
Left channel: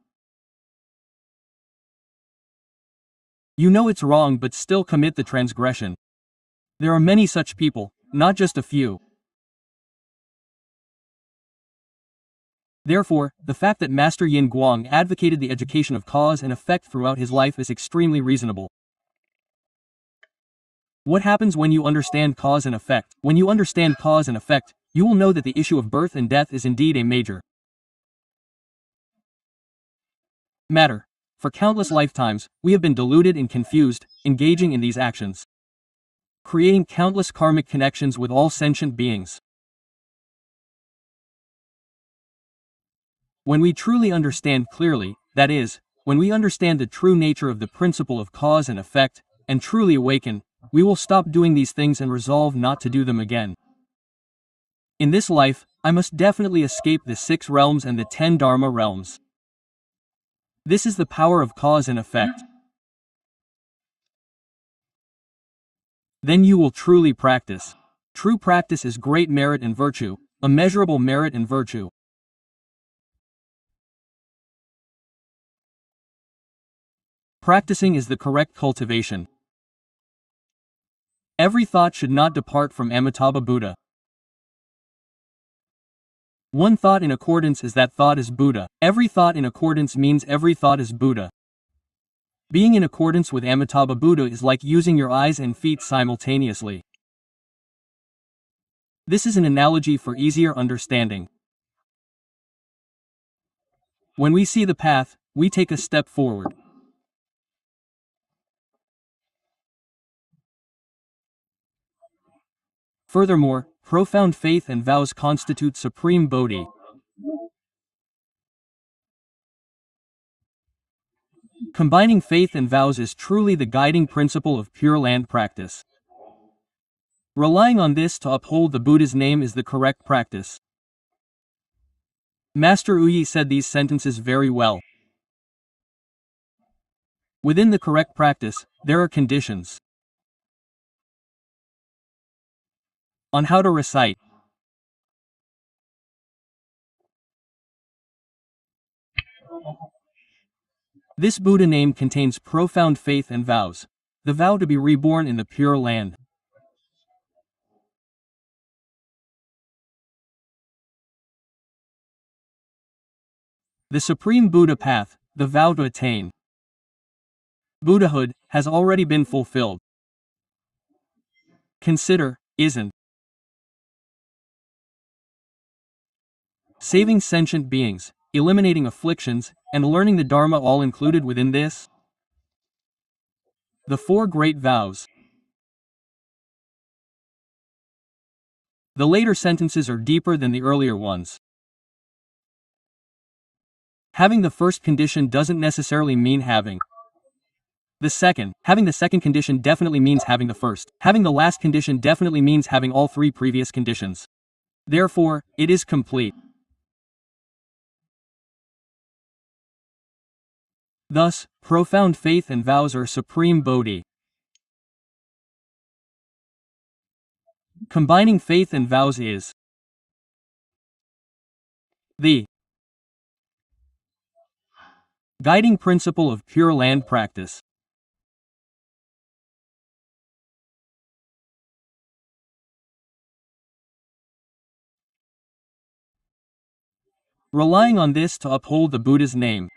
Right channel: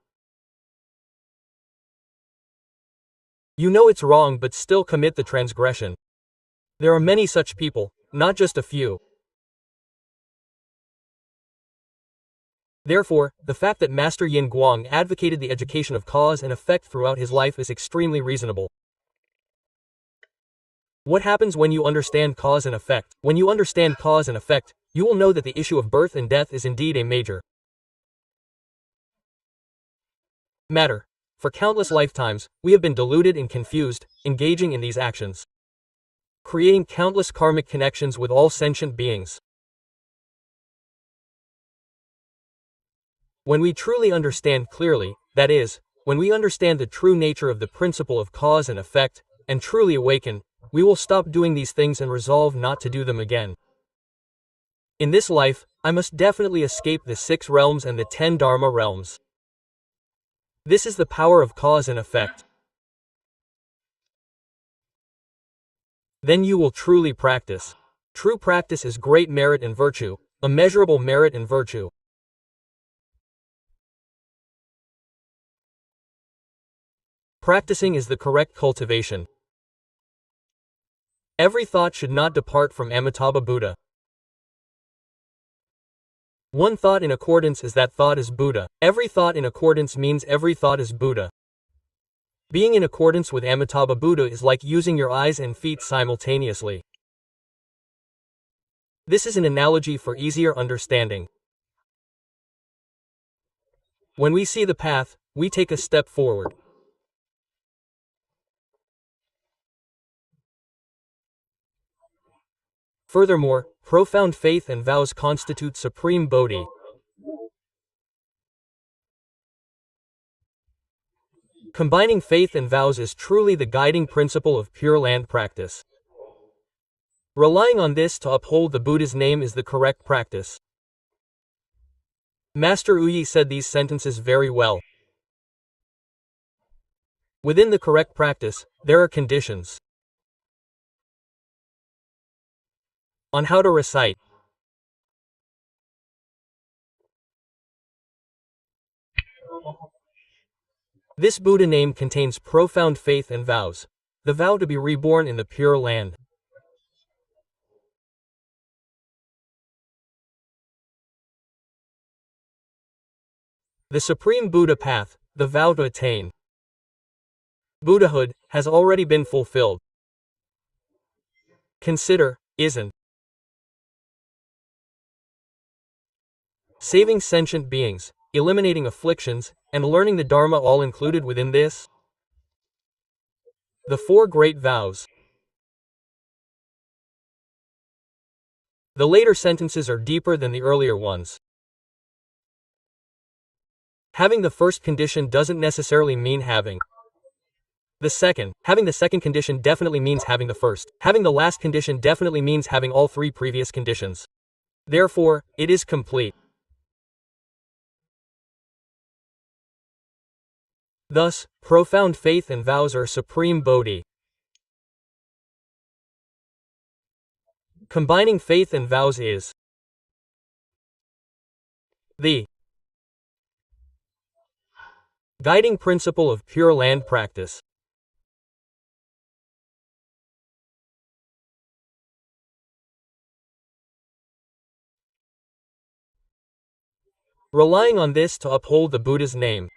You know it's wrong but still commit the transgression. There are many such people, not just a few. Therefore, the fact that Master Yin Guang advocated the education of cause and effect throughout his life is extremely reasonable. What happens when you understand cause and effect? When you understand cause and effect, you will know that the issue of birth and death is indeed a major matter. For countless lifetimes, we have been deluded and confused, engaging in these actions, creating countless karmic connections with all sentient beings. When we truly understand clearly, that is, when we understand the true nature of the principle of cause and effect, and truly awaken, we will stop doing these things and resolve not to do them again. In this life, I must definitely escape the 6 realms and the 10 Dharma realms. This is the power of cause and effect. Then you will truly practice. True practice is great merit and virtue, immeasurable merit and virtue. Practicing is the correct cultivation. Every thought should not depart from Amitabha Buddha. One thought in accordance is that thought is Buddha. Every thought in accordance means every thought is Buddha. Being in accordance with Amitabha Buddha is like using your eyes and feet simultaneously. This is an analogy for easier understanding. When we see the path, we take a step forward. Furthermore, profound faith and vows constitute supreme bodhi. Combining faith and vows is truly the guiding principle of Pure Land practice. Relying on this to uphold the Buddha's name is the correct practice. Master Uyi said these sentences very well. Within the correct practice, there are conditions on how to recite. This Buddha name contains profound faith and vows. The vow to be reborn in the Pure Land. The Supreme Buddha path, the vow to attain Buddhahood, has already been fulfilled. Consider, isn't saving sentient beings, eliminating afflictions, and learning the Dharma all included within this? The 4 great vows. The later sentences are deeper than the earlier ones. Having the first condition doesn't necessarily mean having the second. Having the second condition definitely means having the first. Having the last condition definitely means having all 3 previous conditions. Therefore, it is complete. Thus, profound faith and vows are supreme bodhi. Combining faith and vows is the guiding principle of Pure Land practice. Relying on this to uphold the Buddha's name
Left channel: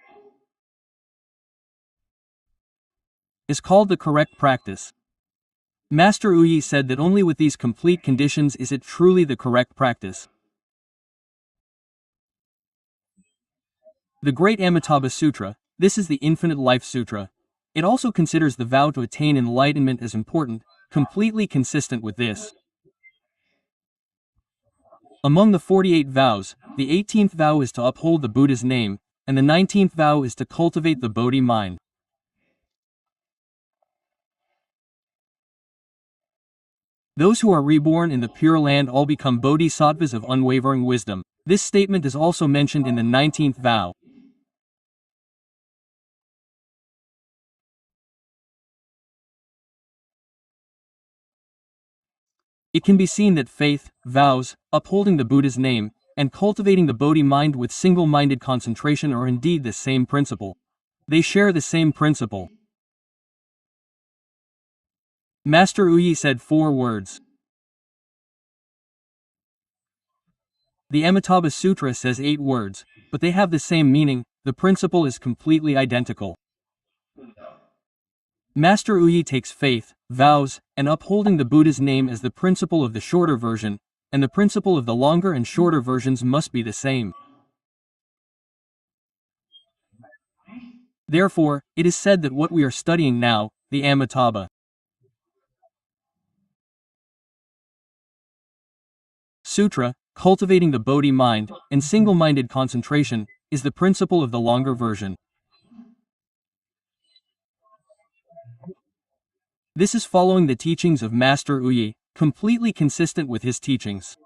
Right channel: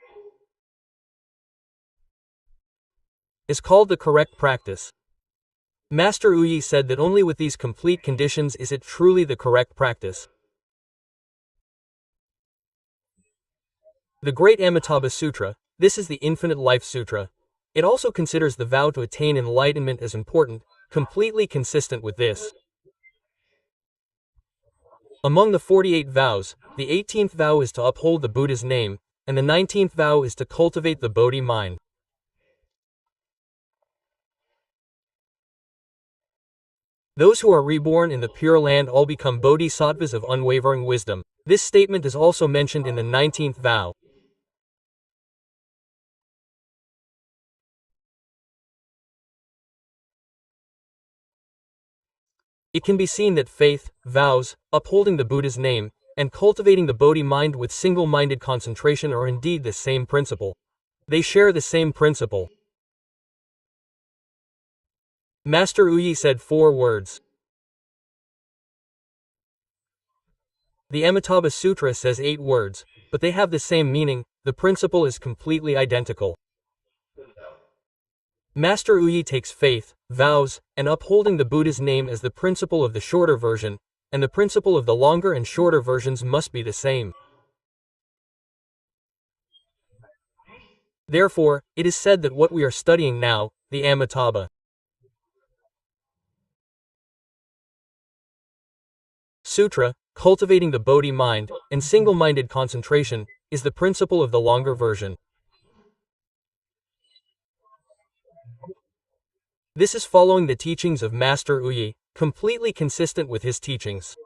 is called the correct practice. Master Uyi said that only with these complete conditions is it truly the correct practice. The Great Amitabha Sutra, this is the Infinite Life Sutra. It also considers the vow to attain enlightenment as important, completely consistent with this. Among the 48 vows, the 18th vow is to uphold the Buddha's name, and the 19th vow is to cultivate the Bodhi mind. Those who are reborn in the Pure Land all become bodhisattvas of unwavering wisdom. This statement is also mentioned in the 19th vow. It can be seen that faith, vows, upholding the Buddha's name, and cultivating the Bodhi mind with single-minded concentration are indeed the same principle. They share the same principle. Master Uyi said 4 words. The Amitabha Sutra says 8 words, but they have the same meaning. The principle is completely identical. Master Uyi takes faith, vows, and upholding the Buddha's name as the principle of the shorter version, and the principle of the longer and shorter versions must be the same. Therefore, it is said that what we are studying now, the Amitabha Sutra, cultivating the Bodhi mind, and single-minded concentration, is the principle of the longer version. This is following the teachings of Master Uyi, completely consistent with his teachings.